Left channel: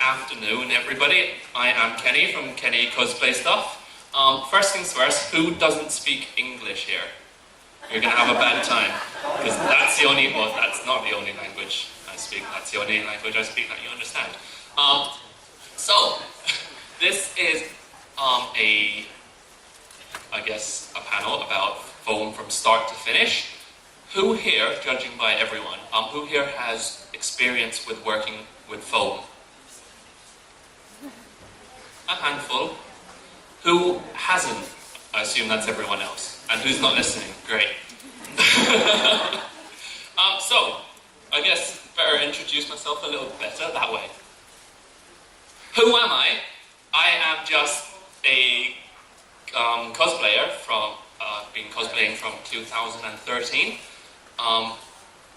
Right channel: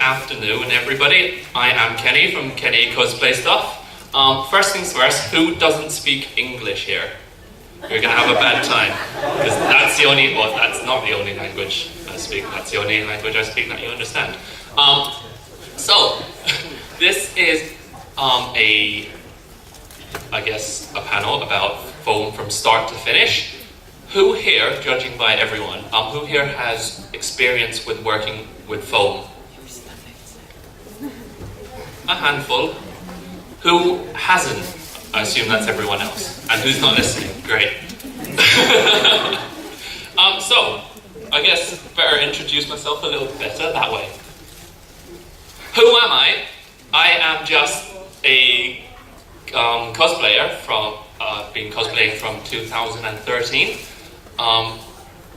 afternoon, everybody. I am Kenny from Kenny Cosplay Stuff. First things first, who doesn't speak English here? You're gonna have a bad time, because that's the only, well, that's not the only language I speak, that's the only language I speak that you understand. So, this is I guess, a panel about foam from start to finish. Who here, judging by everyone, who here has experience with working with foam? A handful. Who hasn't? I assume that's everyone else. And who's not listening? Great. So, I guess better introduce myself a little better that way. Who am I? I am just a cosplayer from, been cosplaying from 2013.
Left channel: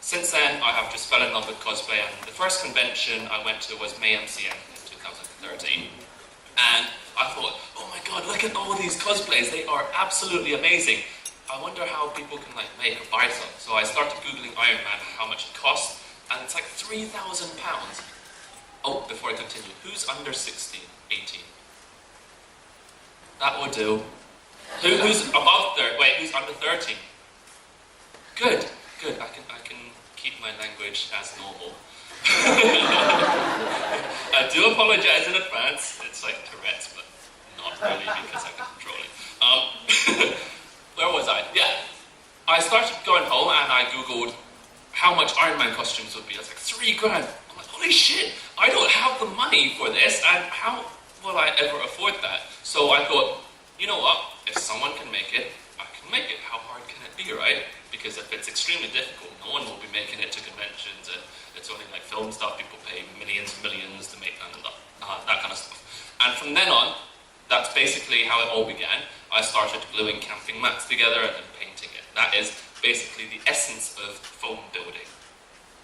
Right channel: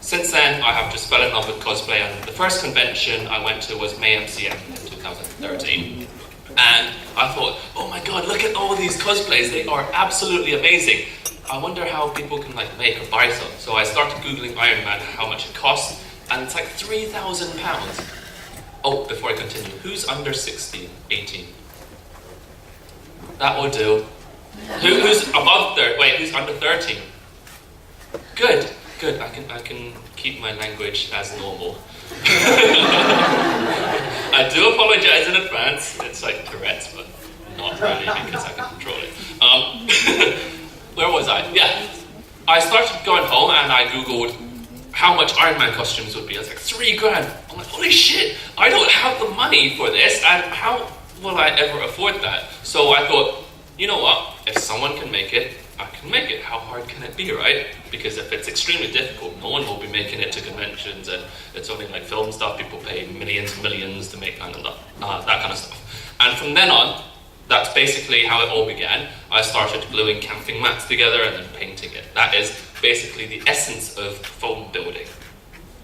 Since then, I have just fell in love with cosplay, and the first convention I went to was May MCM in 2013. And I thought, oh my god, look at all these cosplays, they are absolutely amazing. I wonder how people can like make or buy some. So I started Googling Iron Man, how much it costs, and it's like £3,000. Oh, before I continue, who's under 16, 18? That will do. Who's above 30? Wait, who's under 13? Good, good. I can keep my language as normal. I do apologize in advance. It's like Tourette's, but not really because I can control it. Where was I? Yeah, I started going home and I googled how much Iron Man costumes would be. I was like, £3,000. I'm like, holy shit! I don't have the money for this, and how will I ever afford that? So I thought, you know what? If someone can make it, I can make it. How hard can it be, right? Because if it's extremely difficult, no one will be making it to conventions, and it's only like film stuff. People pay millions to make that kind of stuff. And from then on, that's basically how it all began. I started gluing camping mats together and then painting it. That is basically the essence of foam building.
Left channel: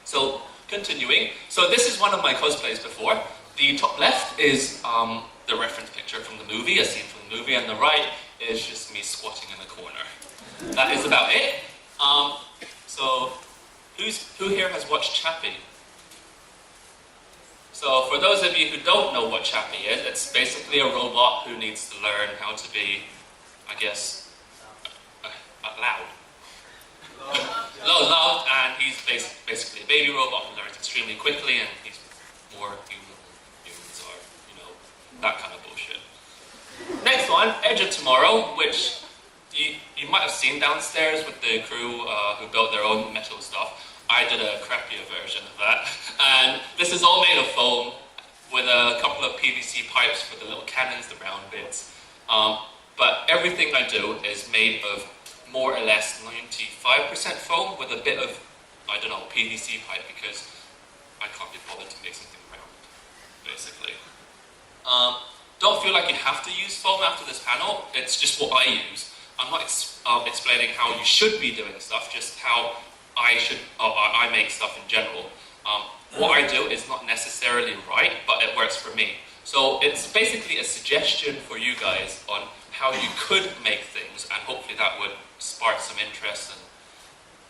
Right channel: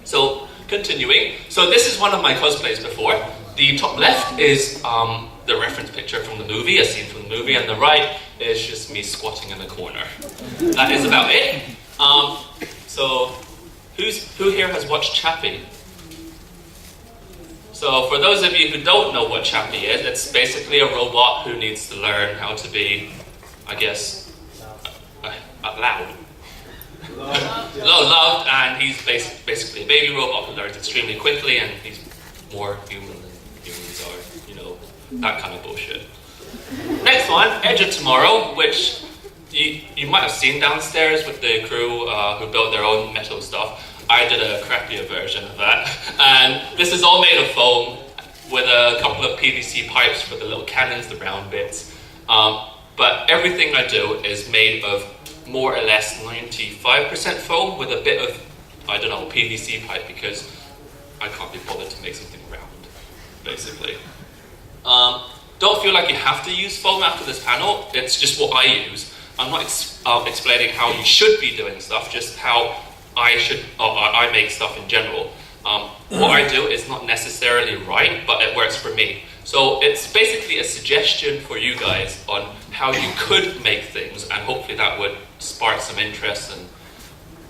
So, continuing. So this is one of my cosplays before. The top left is the reference picture from the movie, a scene from the movie, and the right is just me squatting in the corner. That is about it. So, who here has watched Chappie? So, for those of you who don't know what Chappie is, it's basically a robot who needs to learn how to be, I guess, loud. Loved, and he's basically a baby robot who learns extremely quickly, and he's more human than humans are, you know, that kind of bullshit. Next one, Edge of Tomorrow, which you might have seen downstairs with the crew who built their own metal stuff. I did a crappier version of that, and this is all made of foam with a couple of PVC pipes for the little cannons, the round bits. But everything I do is made of more or less 95% foam with a bit of, I don't know, PVC pipe, because I can't be bothered to make something round, basically. Don't feel like you have to use foam after this panel, it's just what I use. I'm not explaining how you should be doing stuff, just how I make stuff in general. What I do is not necessarily right, but it works for me. So it's basically a suggestion for you guys on how you could make things, and hopefully that would spark some interest and,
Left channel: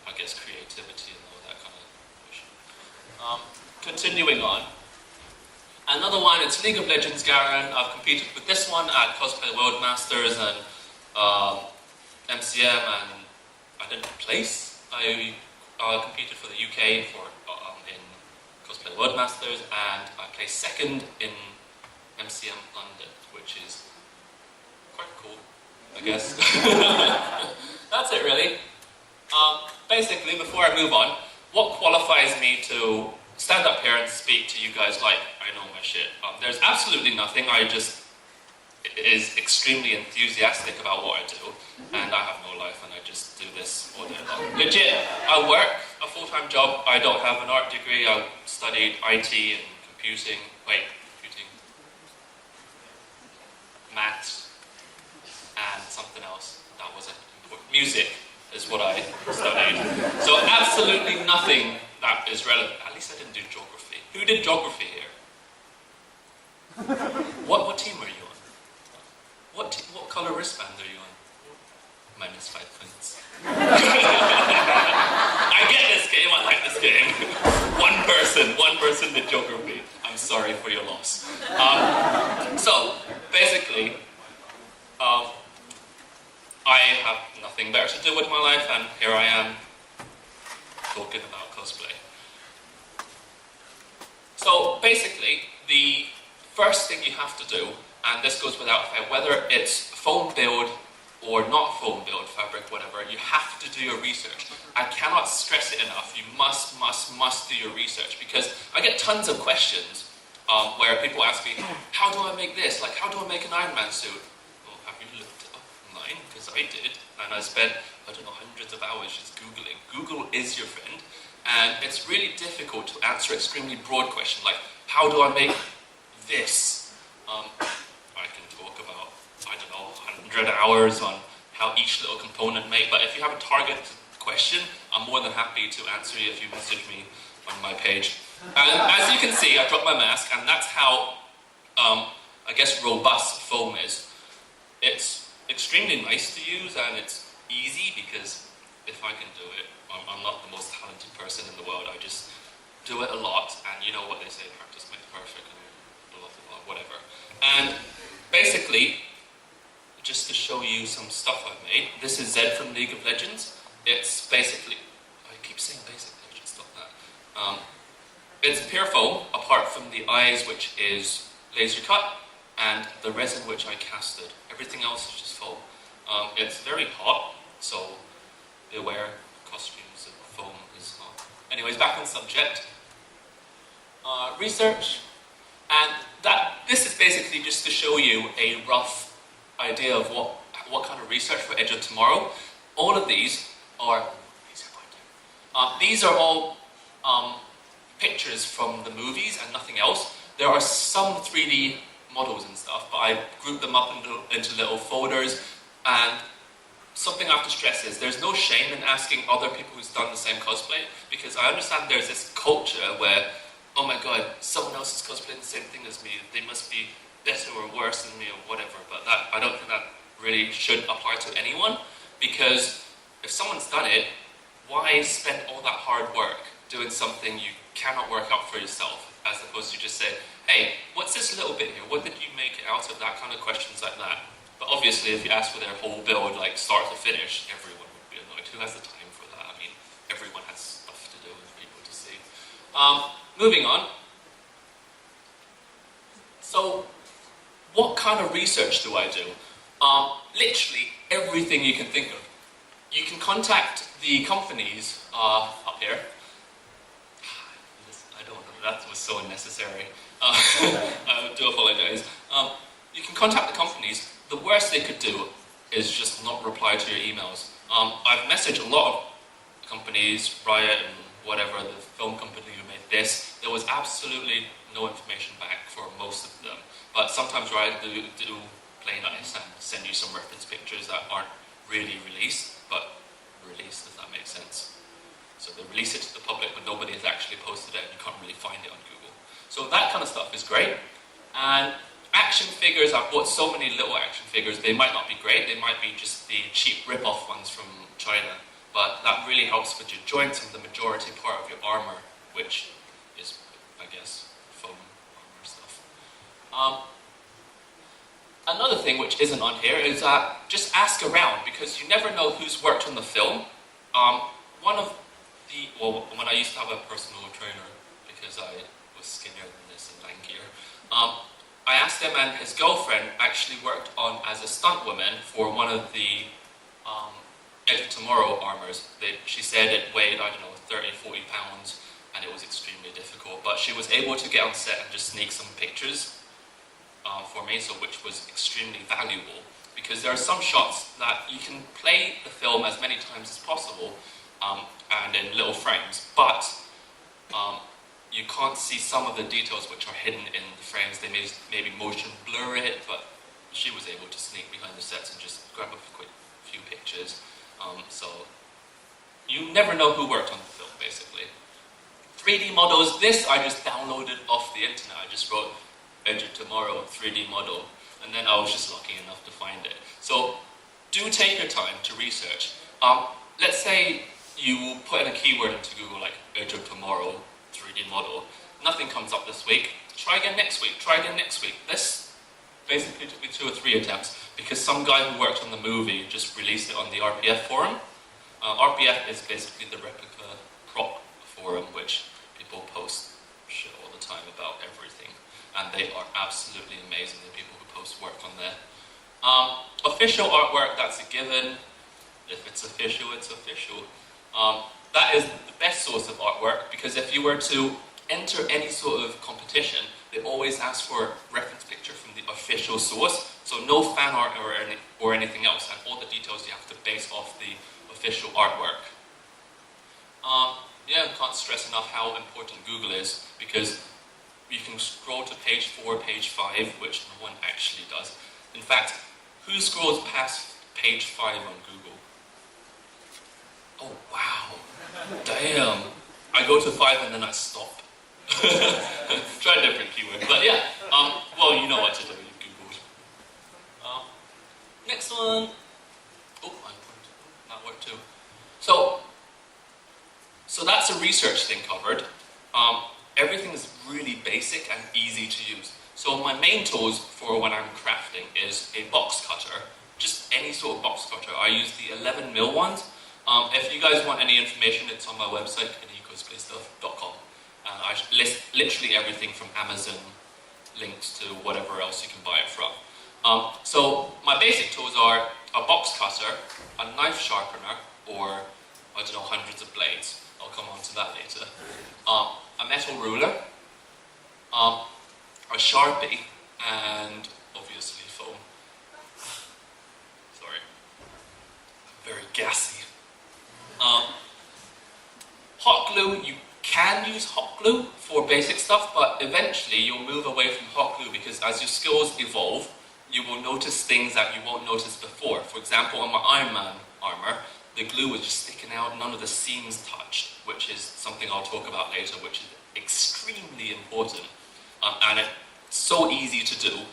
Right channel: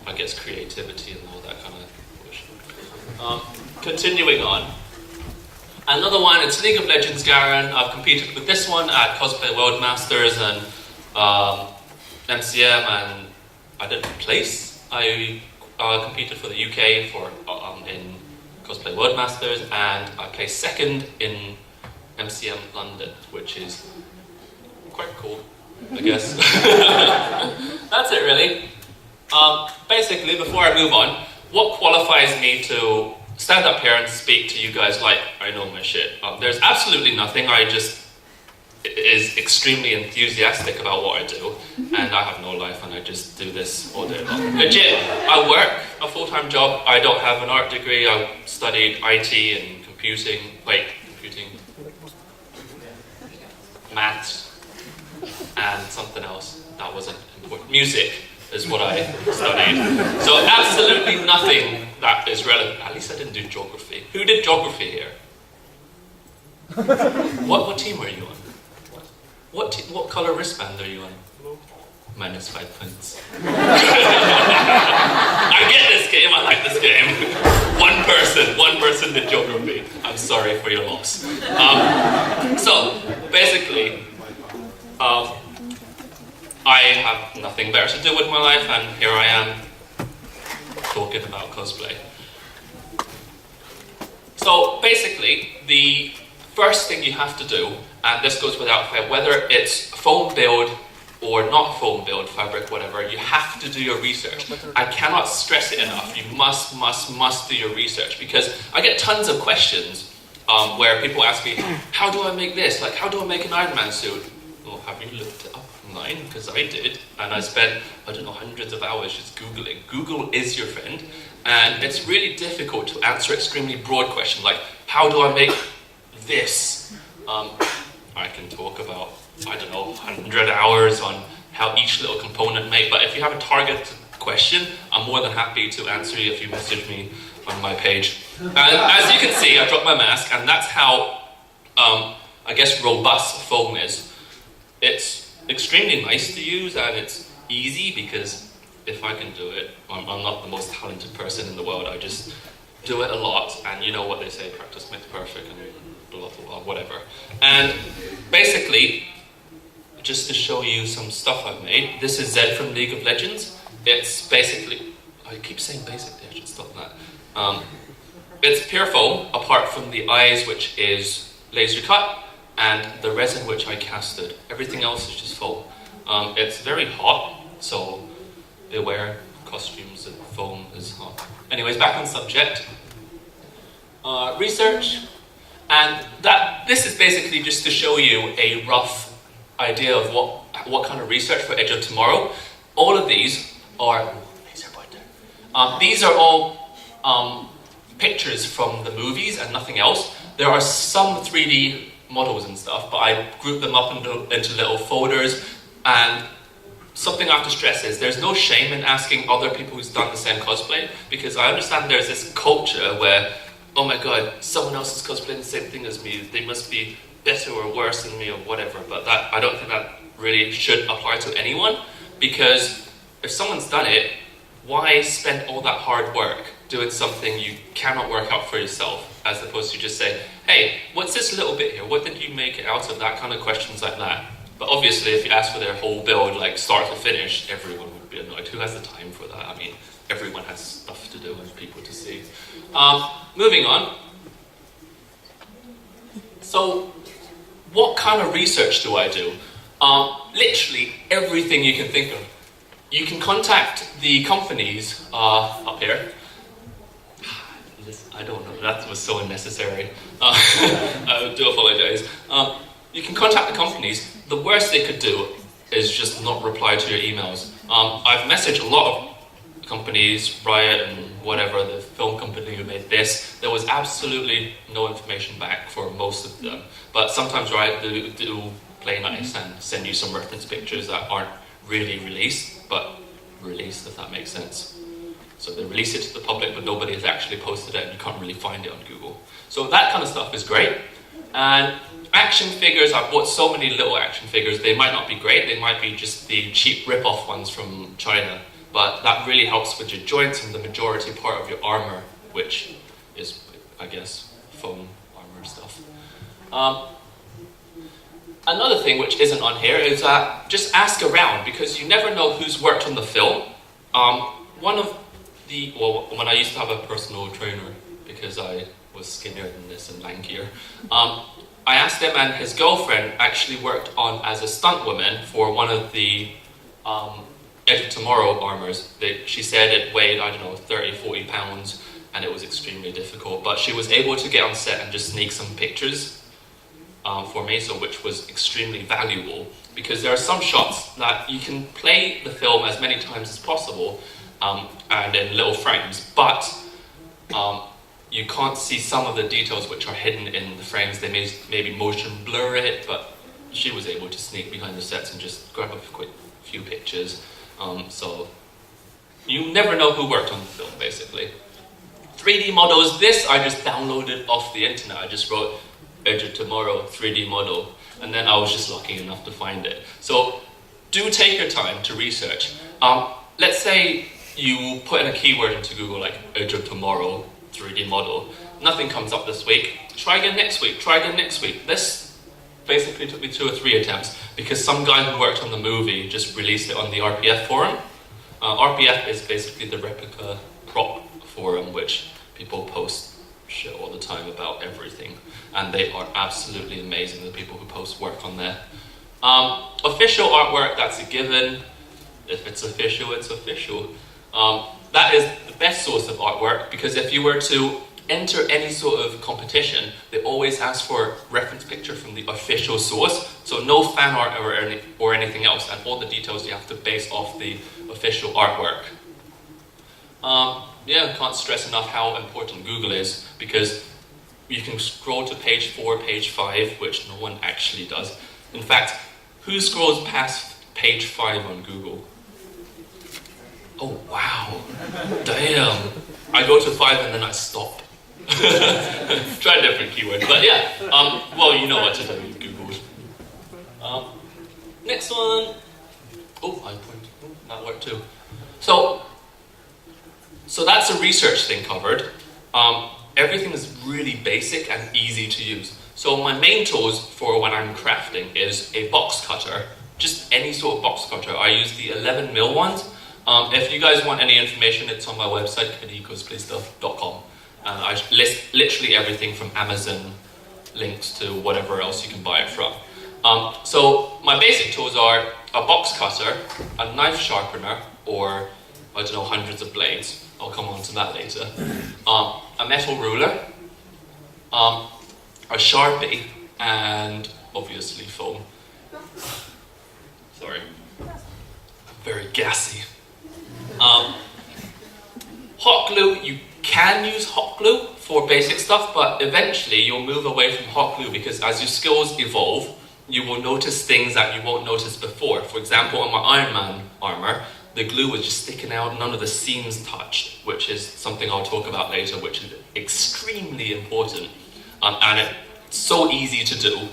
I guess, creativity and all that kind of bullshit. Continuing on. Another one, it's League of Legends Garen. I've competed with this one at Cosplay World Masters and MCM, and I didn't place. I competed for the UK in Cosplay World Masters, and I placed second in MCM London, which is quite cool, I guess. That's it, really. Basically, before I move on, what qualifies me to stand up here and speak to you guys like I know my shit? There's absolutely nothing. I just is extremely enthusiastic about what I do, and I have no life, and I just do this all day long. Legit, I work a full-time job. I don't have an art degree. I studied IT and computing, maths, and something else that wasn't important. Music is what I studied. So absolutely nothing that is relevant. At least I didn't do geography. Who did geography here? What team were you on? What colour wristband are you on? -5 points. I get this game, I like this game. One person did joke on me. I'm sorry for your loss. So, basically, I have nothing better to do with my life, and here I am talking about cosplay. So basically, the first thing you have to do, and this goes without fail, whether it's foam build or not foam build, fabric, whatever, you have to do your research. I cannot stress it enough. You must do your research, because I get tons of questions where people ask me, how do I make this? Like, how do I make an Iron Man suit? Well, have you looked it up online? Because I did, and I spent, I don't know, hundreds of hours just Googling. Google is your friend, and it's really difficult to answer extremely broad questions like, how do I make this? I can talk about, I don't know, 100 hours on how each little component made, but if you have a target question, I'm more than happy to answer you if you message me on my page. And as you can see, I dropped my mask, and that's how, I guess, robust foam is. It's extremely nice to use, and it's easy, because if I can do it, I'm not the most talented person in the world. I just do it a lot, and you know what they say, practice makes perfect, and blah, blah, blah, whatever. And basically, just to show you some stuff I've made, this is Zed from League of Legends. It's basically, I keep saying basically, I should stop that. It's pure foam, apart from the eyes, which is laser cut, and the resin which I casted. Everything else is just foam. It's very hot, so beware, costumes and foam is hot. Anyways, back on subject. Research, and this is basically just to show you a rough idea of what kind of research for Edge of Tomorrow. All of these are these are all pictures from the movies and nothing else. There are some 3D models and stuff, but I grouped them up into little folders. And something I have to stress is there's no shame in asking other people who's done the same cosplay, because I understand there's this culture where, oh my god, someone else is cosplaying the same thing as me, they must be better or worse than me or whatever, but I don't think that really should apply to anyone, because if someone's done it, why spend all that hard work doing something you cannot work out for yourself, as opposed to just say, hey, what's this little bit here? What did you make it out of? That kind of questions like that. But obviously, if you ask for their whole build, like start to finish, everyone would be annoyed. Who has the time for that? I mean, everyone has stuff to do and people to see. Moving on. So, what kind of research do I do? Literally everything you can think of. You can contact the companies up here. I don't know, that was so unnecessary. I do apologize. You can contact the companies. The worst they could do is just not reply to your emails. I've messaged a lot of companies, Riot and whatever, the film company who made this. There was absolutely no information back for most of them. But sometimes Riot do play nice and send you some reference pictures that aren't really released, but released, if that makes sense. So they release it to the public, but nobody has actually posted it, and you can't really find it on Google. So that kind of stuff is great. And action figures, I've bought so many little action figures. They might not be great, they might be just the cheap rip-off ones from China, but that really helps with your joints and the majority part of your armor, which is, I guess, foam armor stuff. Another thing which isn't on here is just ask around, because you never know who's worked on the film. When I used to have a personal trainer, because I was skinnier than this and lankier, I asked him, and his girlfriend actually worked on as a stunt woman for one of the Edge of Tomorrow armors. She said it weighed, I don't know, 30, 40 pounds, and it was extremely difficult, but she was able to get on set and just sneak some pictures for me, so which was extremely valuable, because there are some shots that you can play the film as many times as possible and in little frames, but you can't see some of the details which are hidden in the frames. They may maybe motion blur it, but she was able to sneak behind the sets and just grab a quick few pictures. So you never know who worked on the film, basically. 3D models, this I just downloaded off the internet. I just wrote Edge of Tomorrow 3D model, and then I was just lucky enough to find it. So do take your time to research. Let's say you put in a keyword into Google like Edge of Tomorrow 3D model. Nothing comes up this week. Try again next week. Try again next week. This basically took me 2 or 3 attempts because some guy who worked on the movie just released it on the RPF forum. RPF is basically the replica prop forum, which people post shit all the time about everything, and they are absolutely amazing, the people who post work on there. Official artwork, that's a given. If it's official, it's official. That is the best source of artwork, because if you were to enter any sort of competition, they always ask for a reference picture from the official source, so no fan art or anything else, and all the details you have to base off the official artwork. Yeah, can't stress enough how important Google is, because you can scroll to page 4, page 5, which no one actually does. In fact, who scrolls past page 5 on Google? Oh wow, damn. I go to 5 and then I stop. Try a different keyword, but yeah, well, you know what to do, you Googled. Next one. Oh, that worked too. So that's a research thing covered. Everything is really basic and easy to use. So my main tools for when I'm crafting is a box cutter, just any sort of box cutter. I use the 11mm ones. If you guys want any information, it's on my website, cosplaystuff.com. And I list literally everything from Amazon links to whatever else you can buy it from. So my basic tools are a box cutter, a knife sharpener, or I don't know, hundreds of blades. I'll come on to that later. A metal ruler, a Sharpie, and obviously foam. Sorry, I'm very gassy. Hot glue, you can use hot glue for basic stuff, but eventually you'll move away from hot glue because as your skills evolve, you will notice things that you won't notice before. For example, on my Iron Man armor, the glue was just sticking out, none of the seams touched, which is something I'll talk about later, which is extremely important. And it's so easy to do.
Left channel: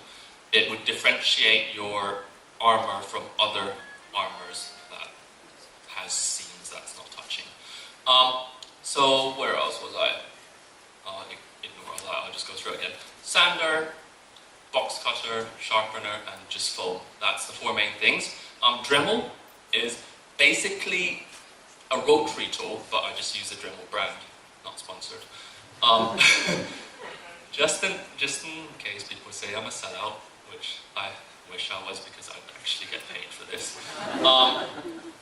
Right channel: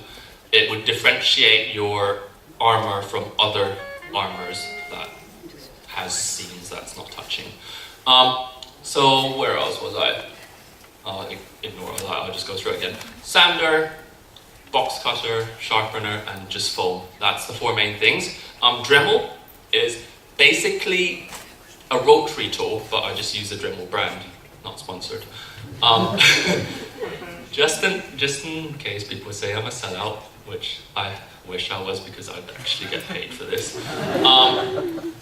It would differentiate your armor from other armors that has seams that's not touching. So where else was I? Ignore all that, I'll just go through it again. Sander, box cutter, sharpener, and just foam. That's the 4 main things. Dremel is basically a rotary tool, but I just use the Dremel brand, not sponsored. Just in case people say I'm a sellout, which I wish I was because I'd actually get paid for this.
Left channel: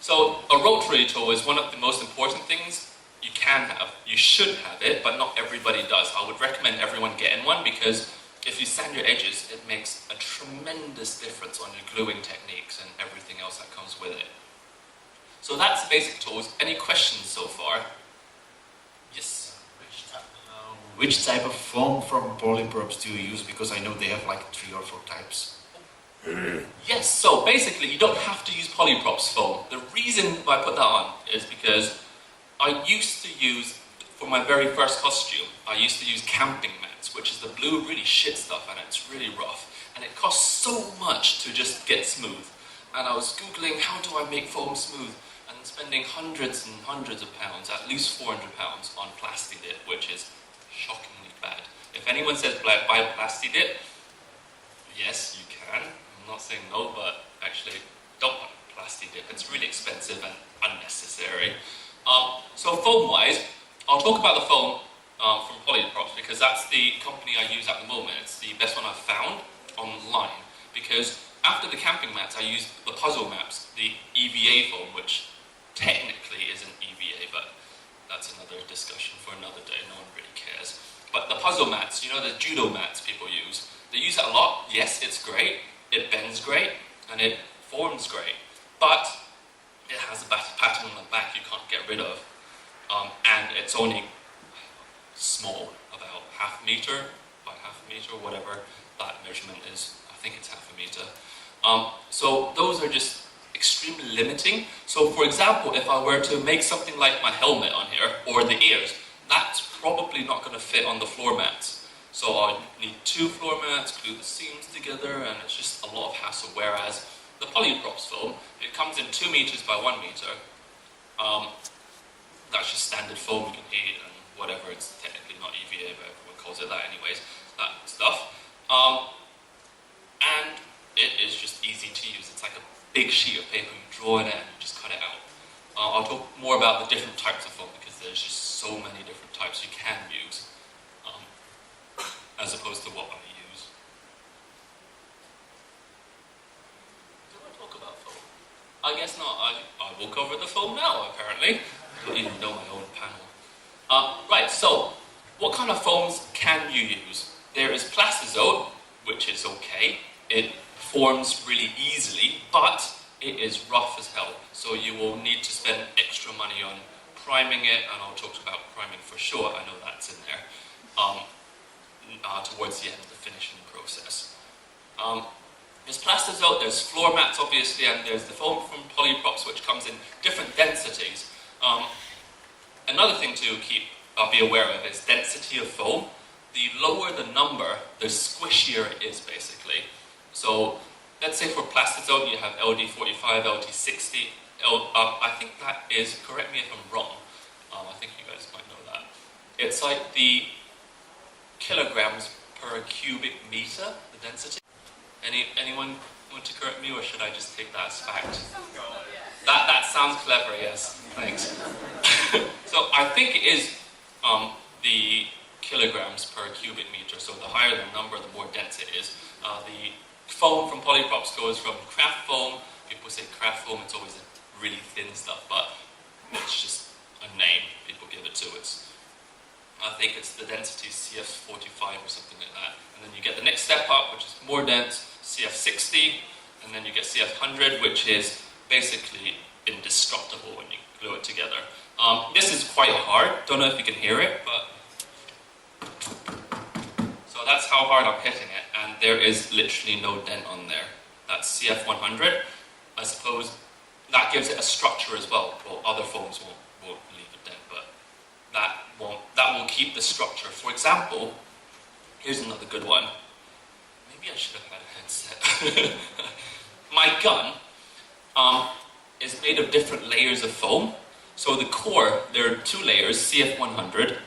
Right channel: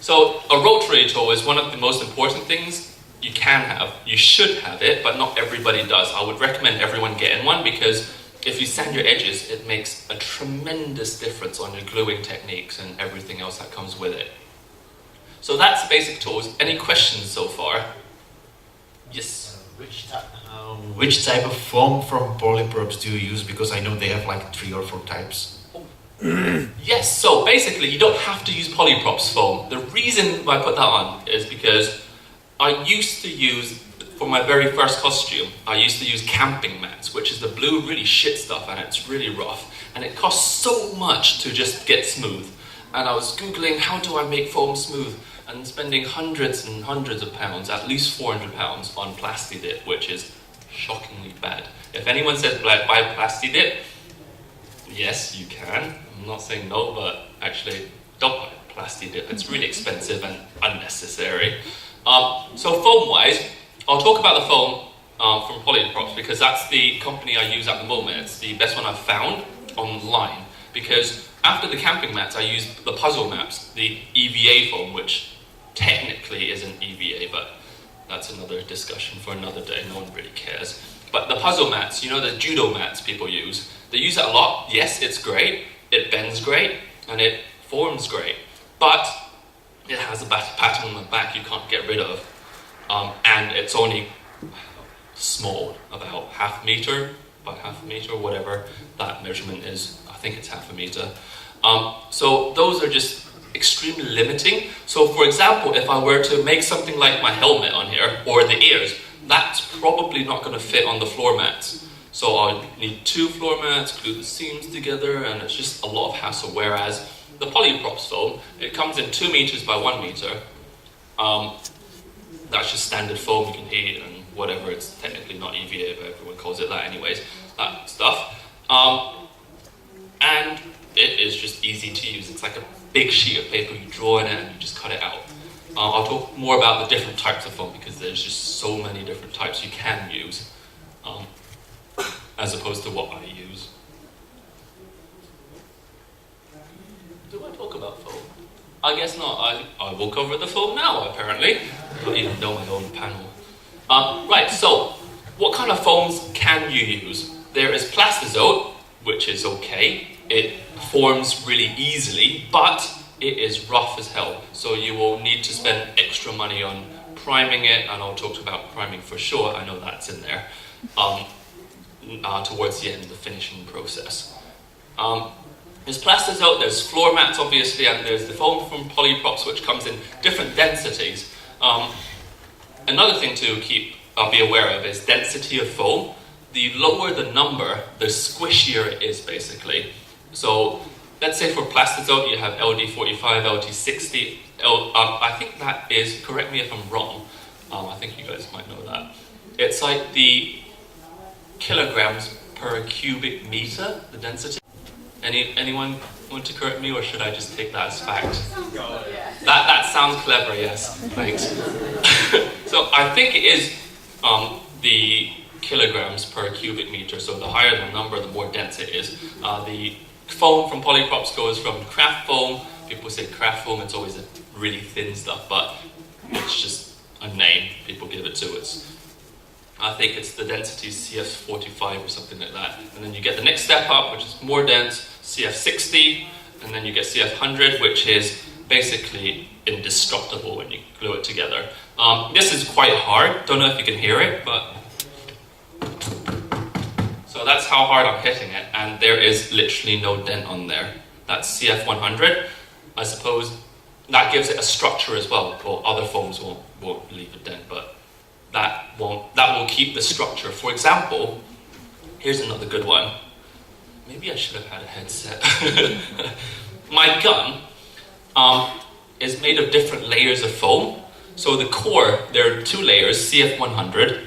So a rotary tool is one of the most important things you can have. You should have it, but not everybody does. I would recommend everyone getting one because if you sand your edges, it makes a tremendous difference on your gluing techniques and everything else that comes with it. So that's basic tools. Any questions so far? Yes? Which type of foam from polyprops do you use? Because I know they have like 3 or 4 types. Yes, so basically you don't have to use polyprops foam. The reason I put that on is because I used to use, for my very first costume, I used to use camping mats, which is the blue really shit stuff and it's really rough. And it costs so much to just get smooth. And I was Googling how do I make foam smooth and spending hundreds and hundreds of pounds, at least £400 on Plastidip, which is shockingly bad. If anyone says buy Plastidip, yes, you can. I'm not saying no, but actually don't buy Plastidip. It's really expensive and unnecessary. So foam-wise, I'll talk about the foam from Polyprops because that's the company I use at the moment. It's the best one I've found online because after the camping mats, I used the puzzle maps, the EVA foam, which technically isn't EVA, but that's another discussion for another day. No one really cares. But the puzzle mats, you know, the judo mats people use, they use it a lot. Yes, it's great. It bends great and it forms great, but it has a pattern on the back you can't get rid of. And it's only small, about ½ meter by ½ meter, whatever that measurement is. I think it's ½ meter. So those are just extremely limiting. So for example, if I were to make something like my helmet on here, or the ears, that's probably not going to fit on the floor mats. So I need 2 floor mats, glue the seams together, and it's just a lot of hassle. Whereas The polyprops foam, it comes in 2 meters by 1 meter. That's just standard foam, you can heat and whatever, it's technically not EVA, but everyone calls it that anyways, that stuff. And it is just easy to use. It's like a big sheet of paper, you draw in it and you just cut it out. I'll talk more about the different types of foam because there's just so many different types you can use, as opposed to what I use. Do I talk about foam? I guess not. I will cover the foam now, apparently. I don't even know my own panel. Right, so what kind of foams can you use? There is plastizote, which is okay. It forms really easily, but it is rough as hell. So you will need to spend extra money on priming it, and I'll talk about priming for sure. I know that's in there. Towards the end of the finishing process. There's plastizote, there's floor mats obviously, and there's the foam from Polyprops, which comes in different densities. Another thing to be aware of is density of foam. The lower the number, the squishier it is basically. So let's say for plastizote you have LD45, LD60. I think that is, correct me if I'm wrong, I think you guys might know that. It's like the kilograms per cubic meter, the density. Anyone want to correct me, or should I just take that as fact? That sounds clever, yes, thanks. So I think it is the kilograms per cubic meter, so the higher the number, the more dense it is. The foam from Polyprops goes from craft foam. People say craft foam, it's always a really thin stuff, but it's just a name people give it to. I think it's the density CF45 or something like that. And then you get the next step up, which is more dense, CF60, and then you get CF100, which is basically indestructible when you glue it together. This is quite hard. Don't know if you can hear it, but... So that's how hard I'm hitting it, and there is literally no dent on there. That's CF100. I suppose that gives it a structure as well. Well, other foams won't leave a dent, but that will keep the structure. For example, here's another good one. Maybe I should have had a headset. My gun is made of different layers of foam. So the core, there are 2 layers, CF100,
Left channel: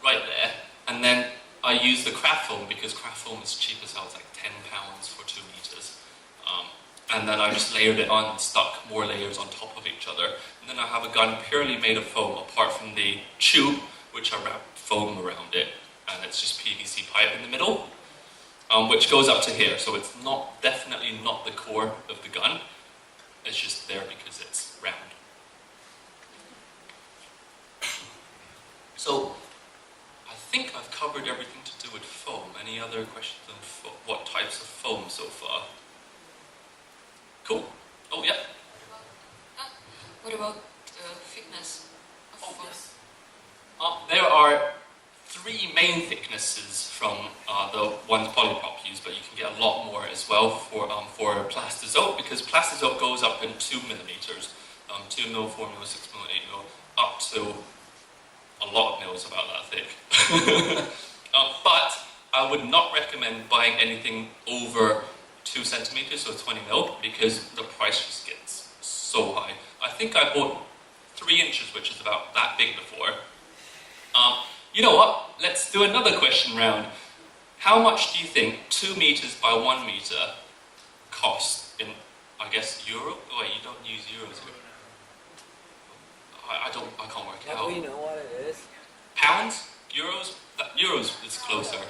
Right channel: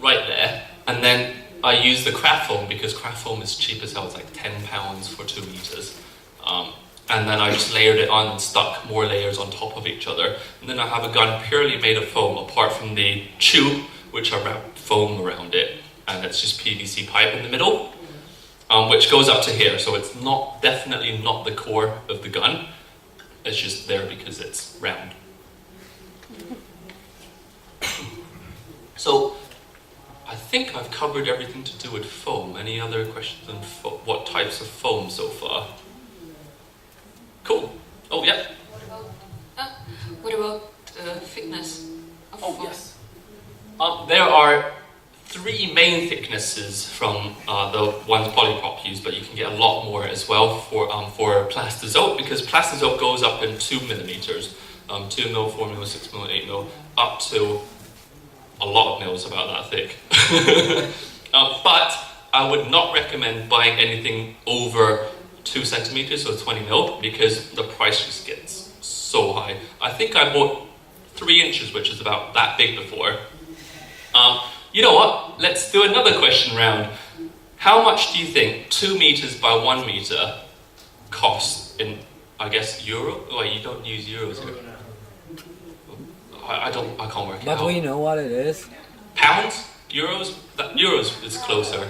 right there. And then I use the craft foam because craft foam is cheap as hell. It's like £10 for 2 meters. And then I just layered it on and stuck more layers on top of each other. And then I have a gun purely made of foam, apart from the tube, which I wrap foam around it. And it's just PVC pipe in the middle, which goes up to here. So it's definitely not the core of the gun. It's just there because it's round. So I think I've covered everything to do with foam. Any other questions on what types of foam so far? Cool. Oh, yeah. What about thickness of foam? Yes. There are 3 main thicknesses from the ones Polyprop use, but you can get a lot more as well for plastizote, because plastizote goes up in 2 millimeters, 2 mil, 4 mil, 6 mil, 8 mil, up to a lot of mils about that thick. But I would not recommend buying anything over 2 centimeters, so 20 mil, because the price just gets so high. I think I bought 3 inches, which is about that big before. You know what? Let's do another question round. How much do you think 2 meters by 1 meter costs in, I guess, euro? Oh, you don't use euros here. I can't work it out. But we know what it is. Pounds? Euros? Euros is closer.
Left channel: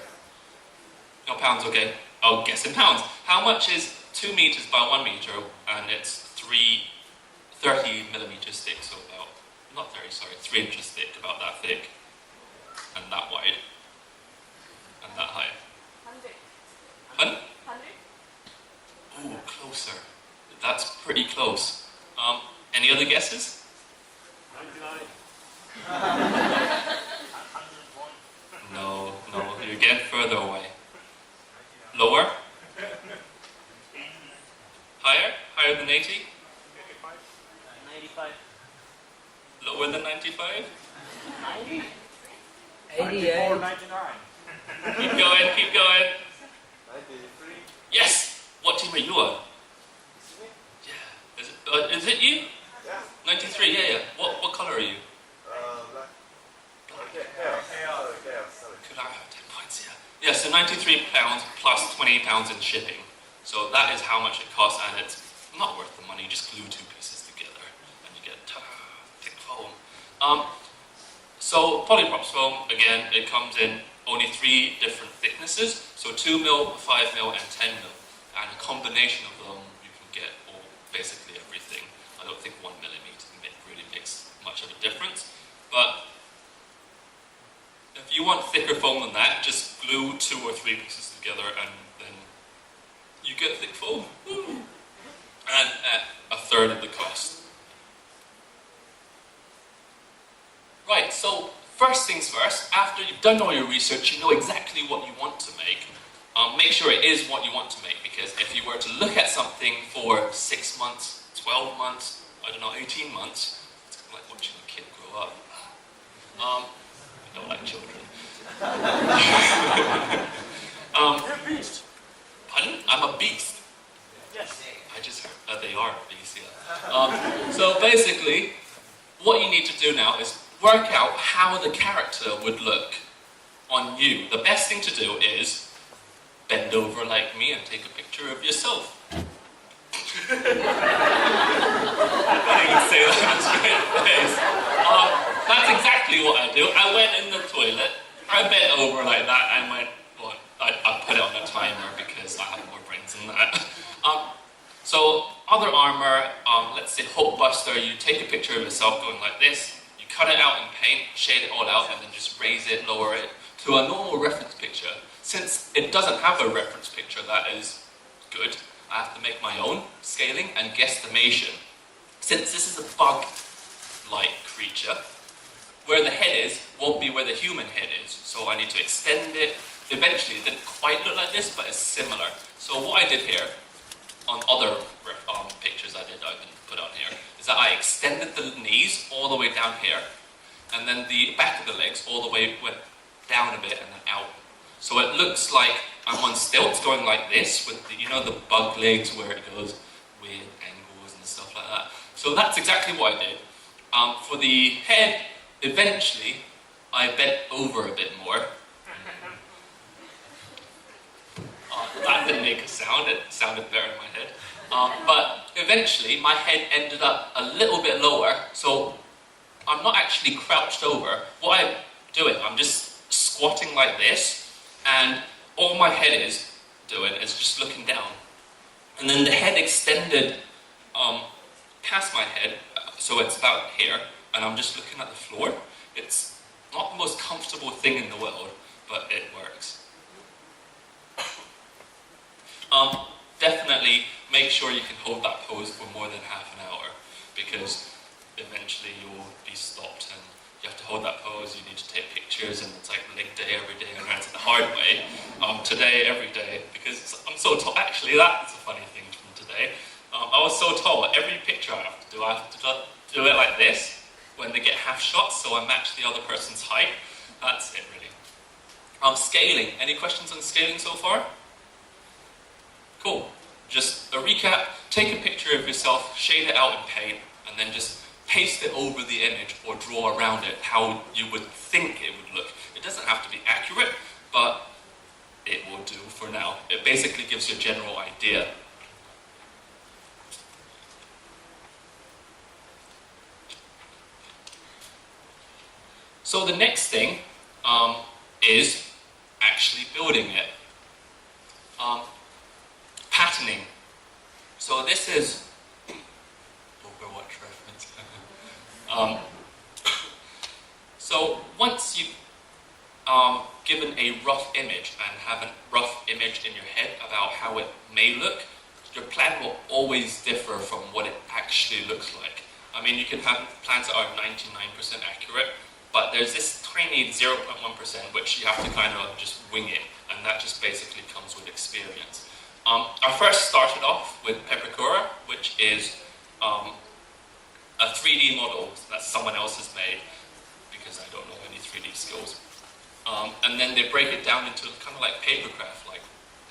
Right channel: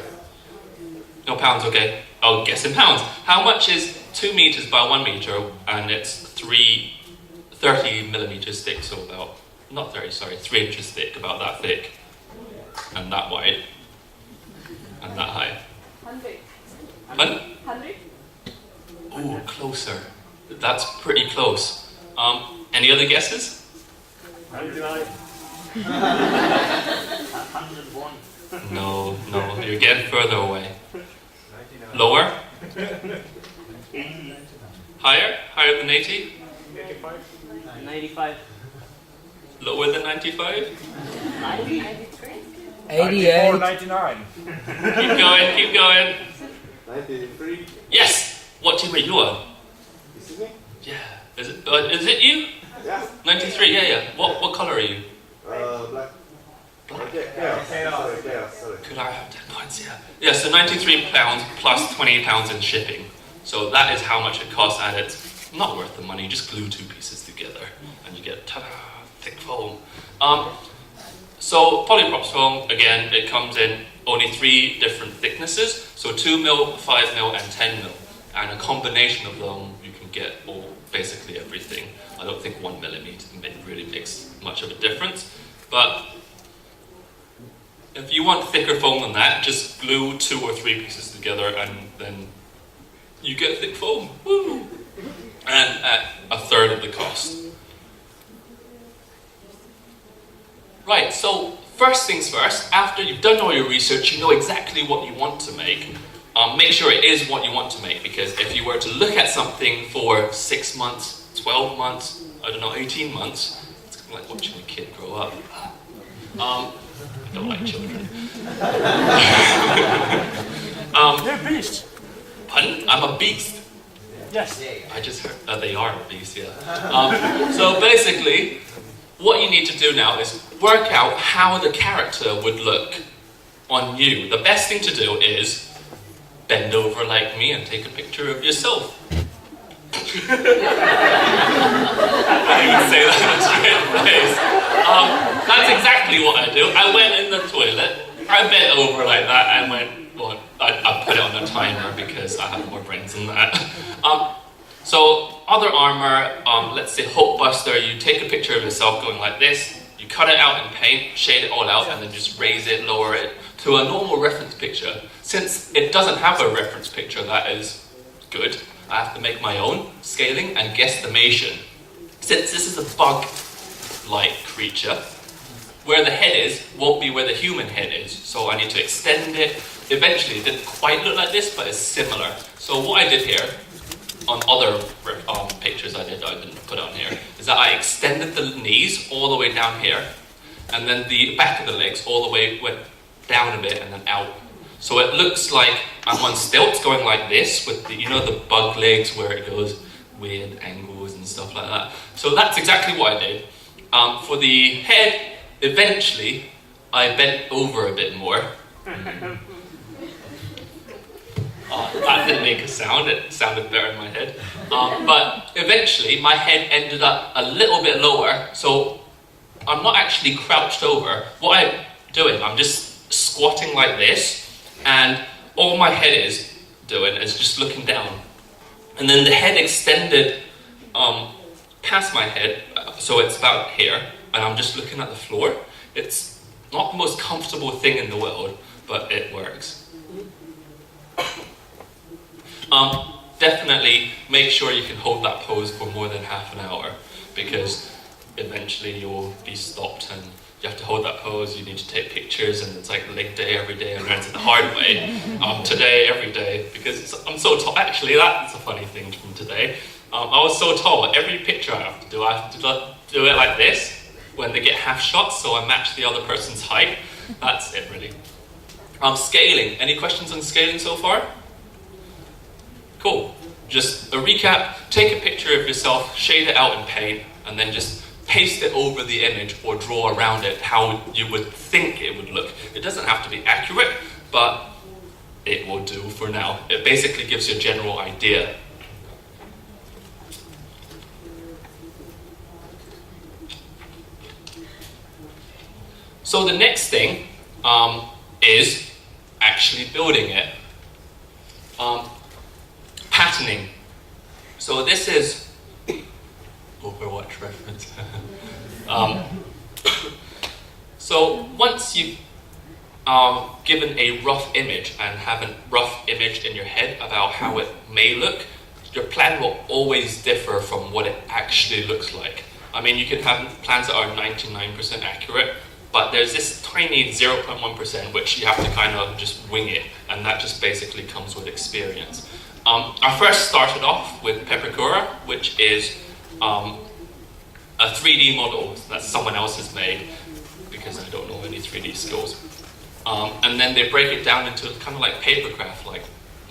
No, pounds, okay. I'll guess in pounds. How much is 2 meters by 1 meter, and it's 30 millimeters thick, so about, not 30, sorry, 3 inches thick, about that thick, and that wide, and that high. 100. 100? Ooh, closer. That's pretty close. Any other guesses? 99. 101. No, you're getting further away. Lower? 80. Higher than 80? 85. 95. Lower than 95? 90? 88. 99. Keep going. 93. Yes! What team are you on? Is it you? Yeah. 93, yeah. What colour are you? Black. Black. Chaos. Sorry. Could I have 10 points? Yeah. Yeah, so £93 plus £20 in shipping. So that is how much it costs, and it's not worth the money. You just glue two pieces together and you get ta-da, thick foam. So polyprops foam, again, it comes in only 3 different thicknesses. So 2mm, 5mm, and 10mm. And a combination of them, you can get basically everything. I don't think 1mm really makes much of a difference. But if you want thicker foam than that, just glue 2 or 3 pieces together and then you get thick foam. Woo! And at a third of the cost. Right, so first things first, after you've done all your research, you know exactly what you want to make. Make sure it is what you want to make, because if you were to look at something for 6 months, 12 months, 18 months, it's kind of like watching a kid grow up. I don't like children. You're a beast. Pardon? I'm a beast. Yes. I just heard they are a beast, yeah. So basically, what you need to do now is work out how the character would look on you. The best thing to do is bend over like me and take a picture of yourself. I didn't even say that straight face. That's exactly what I do. I went in the toilet, I bent over like that and went, well, I put it on a timer because I have more brains than that. So other armor, let's say Hulkbuster, you take a picture of yourself going like this, you cut it out in paint, shade it all out, and then just raise it, lower it to a normal reference picture. Since it doesn't have a reference picture that is good, I have to make my own scaling and guesstimation. Since this is a bug-like creature, where the head is won't be where the human head is, so I need to extend it. Eventually, it didn't quite look like this, but it's similar. So what I did here, on other pictures I didn't put on here, is that I extended the knees all the way down here, and then the back of the legs all the way went down a bit and then out. So it looks like I'm on stilts going like this with the, the bug legs where it goes weird angles and stuff like that. So that's exactly what I did. For the head, eventually I bent over a bit more. That didn't make a sound, it sounded better in my head. But eventually my head ended up a little bit lower, so I'm not actually crouched over. What I'm doing, I'm just squatting like this, and all my head is doing is just looking down. And then the head extended past my head, so it's about here, and I'm just looking at the floor. It's not the most comfortable thing in the world, but it works. Definitely make sure you can hold that pose for more than half an hour, because eventually you'll be stopped and you have to hold that pose, you need to take pictures, and it's like leg day every day, and learn it the hard way. Today, every day, because I'm so tall. Actually, that's a funny thing from today. I was so tall, every picture I have to do it like this, when they get half shots, so I match the other person's height. That's it, really. Scaling. Any questions on scaling so far? Cool. Just a recap, take a picture of yourself, shade it out in paint, and then just paste it over the image or draw around it how you would think it would look. It doesn't have to be accurate, but it will do for now. It basically gives you a general idea. So the next thing is actually building it. Patterning. So this is Overwatch reference. So once you've given a rough image and have a rough image in your head about how it may look, your plan will always differ from what it actually looks like. I mean, you can have plans that are 99% accurate, but there's this tiny 0.1% which you have to kind of just wing it, and that just basically comes with experience. I first started off with Peppercura, which is a 3D model that someone else has made, because I don't know any 3D skills. And then they break it down into kind of like papercraft, like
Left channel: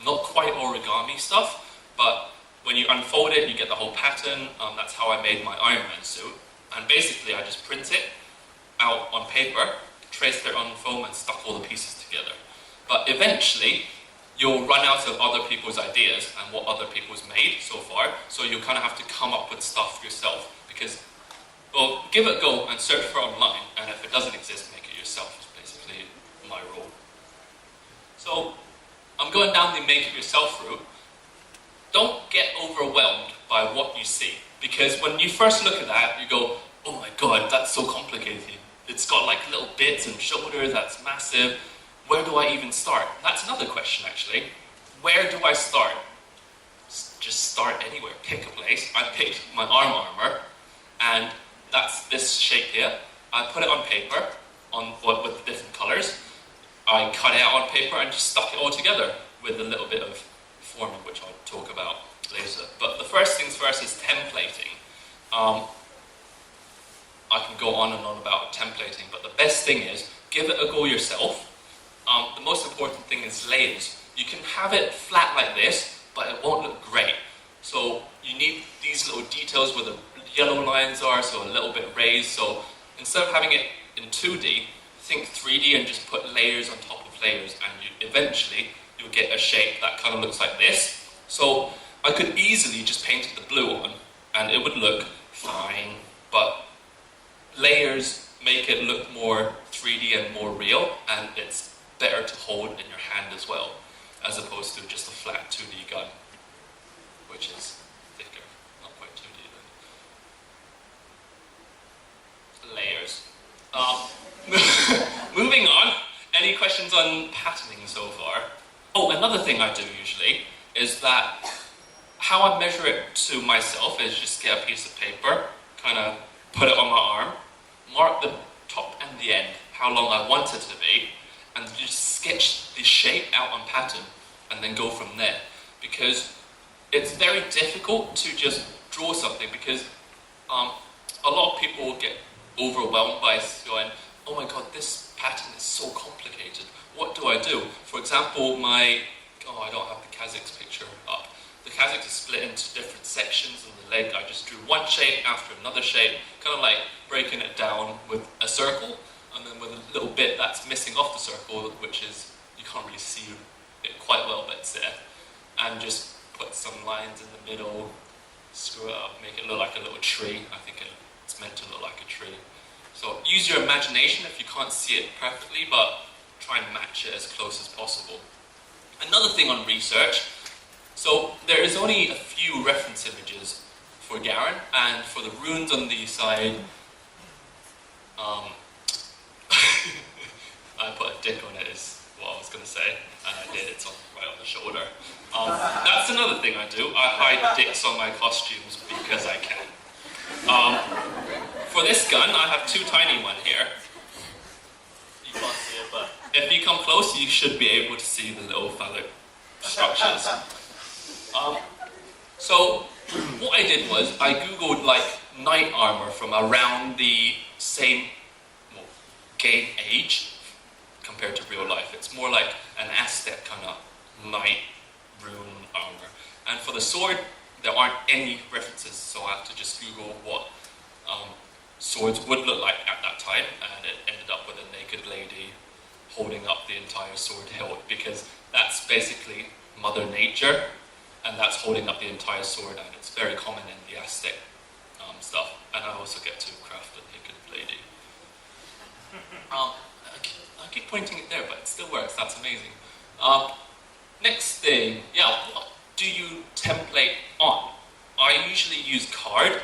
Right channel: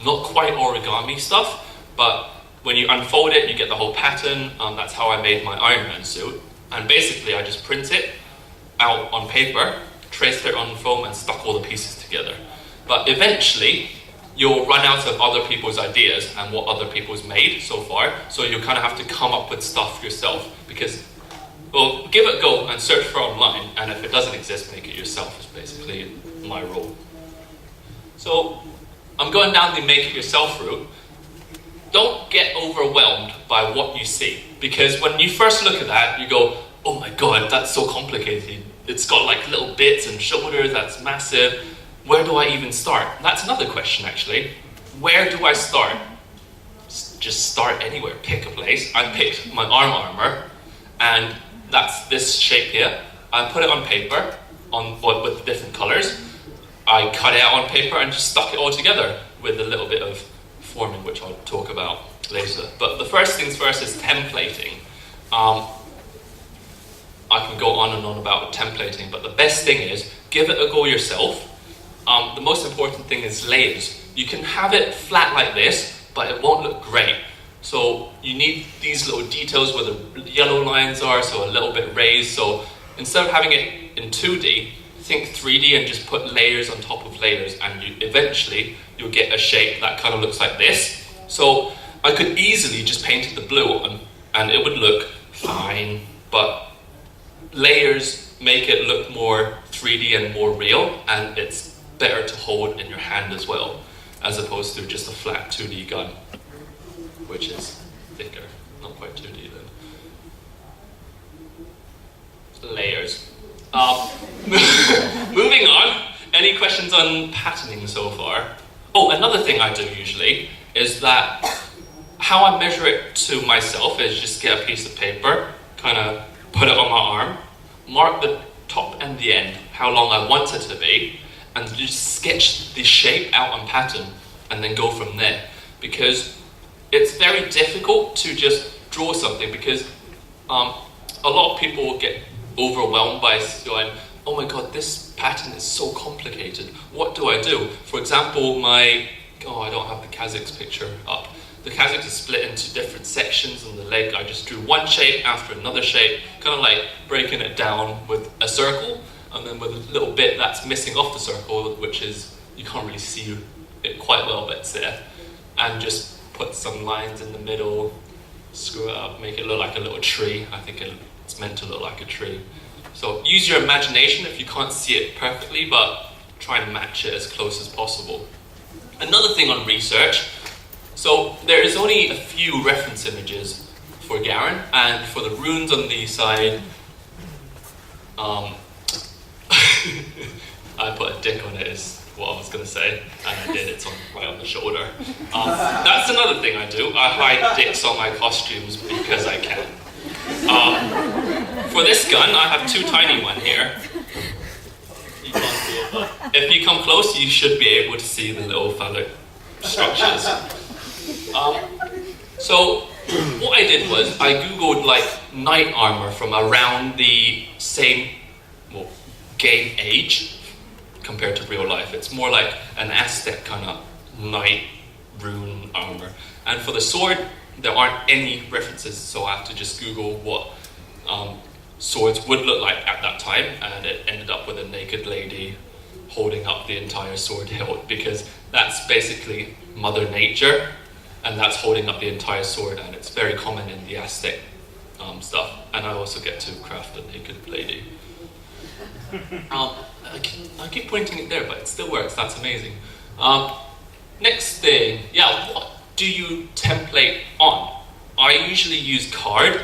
not quite origami stuff, but when you unfold it, you get the whole pattern. That's how I made my Iron Man suit. And basically, I just print it out on paper, traced it on foam, and stuck all the pieces together. But eventually, you'll run out of other people's ideas and what other people's made so far, so you kind of have to come up with stuff yourself, because, well, give it a go and search for it online, and if it doesn't exist, make it yourself, is basically my rule. So, I'm going down the make it yourself route. Don't get overwhelmed by what you see, because when you first look at that, you go, oh my god, that's so complicated. It's got like little bits and shoulders, that's massive. Where do I even start? That's another question, actually. Where do I start? Just start anywhere, pick a place. I picked my arm armor, and that's this shape here. I put it on paper, with different colors. I cut it out on paper and just stuck it all together with a little bit of forming, which I'll talk about later. But the first things first is templating. I can go on and on about templating, but the best thing is give it a go yourself. The most important thing is layers. You can have it flat like this, but it won't look great. So you need these little details where the yellow lines are, so a little bit raised. So instead of having it in 2D, think 3D and just put layers on top of layers, and eventually you'll get a shape that kind of looks like this. So I could easily just paint the blue on, and it would look fine, but layers make it look more 3D and more real, and it's better to hold in your hand as well, as opposed to just a flat 2D gun, which is thicker, not quite 2D then. Layers. Moving on, any questions on patterning so far? Oh, another thing I do usually is that how I measure it to myself is just get a piece of paper, kind of put it on my arm, mark the top and the end, how long I want it to be, and just sketch the shape out on pattern and then go from there. Because it's very difficult to just draw something, because a lot of people get overwhelmed by going, oh my god, this pattern is so complicated, what do I do? For example, I don't have the Kazakh's picture up. The Kazakh is split into different sections on the leg. I just drew one shape after another shape, kind of like breaking it down with a circle, and then with a little bit that's missing off the circle, which is, you can't really see it quite well, but it's there. And just put some lines in the middle, screw it up, make it look like a little tree. I think it's meant to look like a tree. So use your imagination if you can't see it perfectly, but try and match it as close as possible. Another thing on research, so there is only a few reference images for Garen, and for the runes on the side, I put a dick on it is what I was going to say, and I did, it's right on the shoulder. That's another thing I do, I hide dicks on my costumes because I can. For this gun, I have two tiny ones here. You can't see it, but if you come close, you should be able to see the little phallic structures. So what I did was I googled like knight armor from around the same game age compared to real life. It's more like an Aztec kind of knight rune armor. And for the sword, there aren't any references, so I have to just Google what swords would look like at that time, and it ended up with a naked lady holding up the entire sword hilt, because that's basically Mother Nature, and that's holding up the entire sword, and it's very common in the Aztec stuff. And I also get to craft a naked lady. I keep pointing it there, but it still works. That's amazing. Next thing, what do you template on? I usually use card,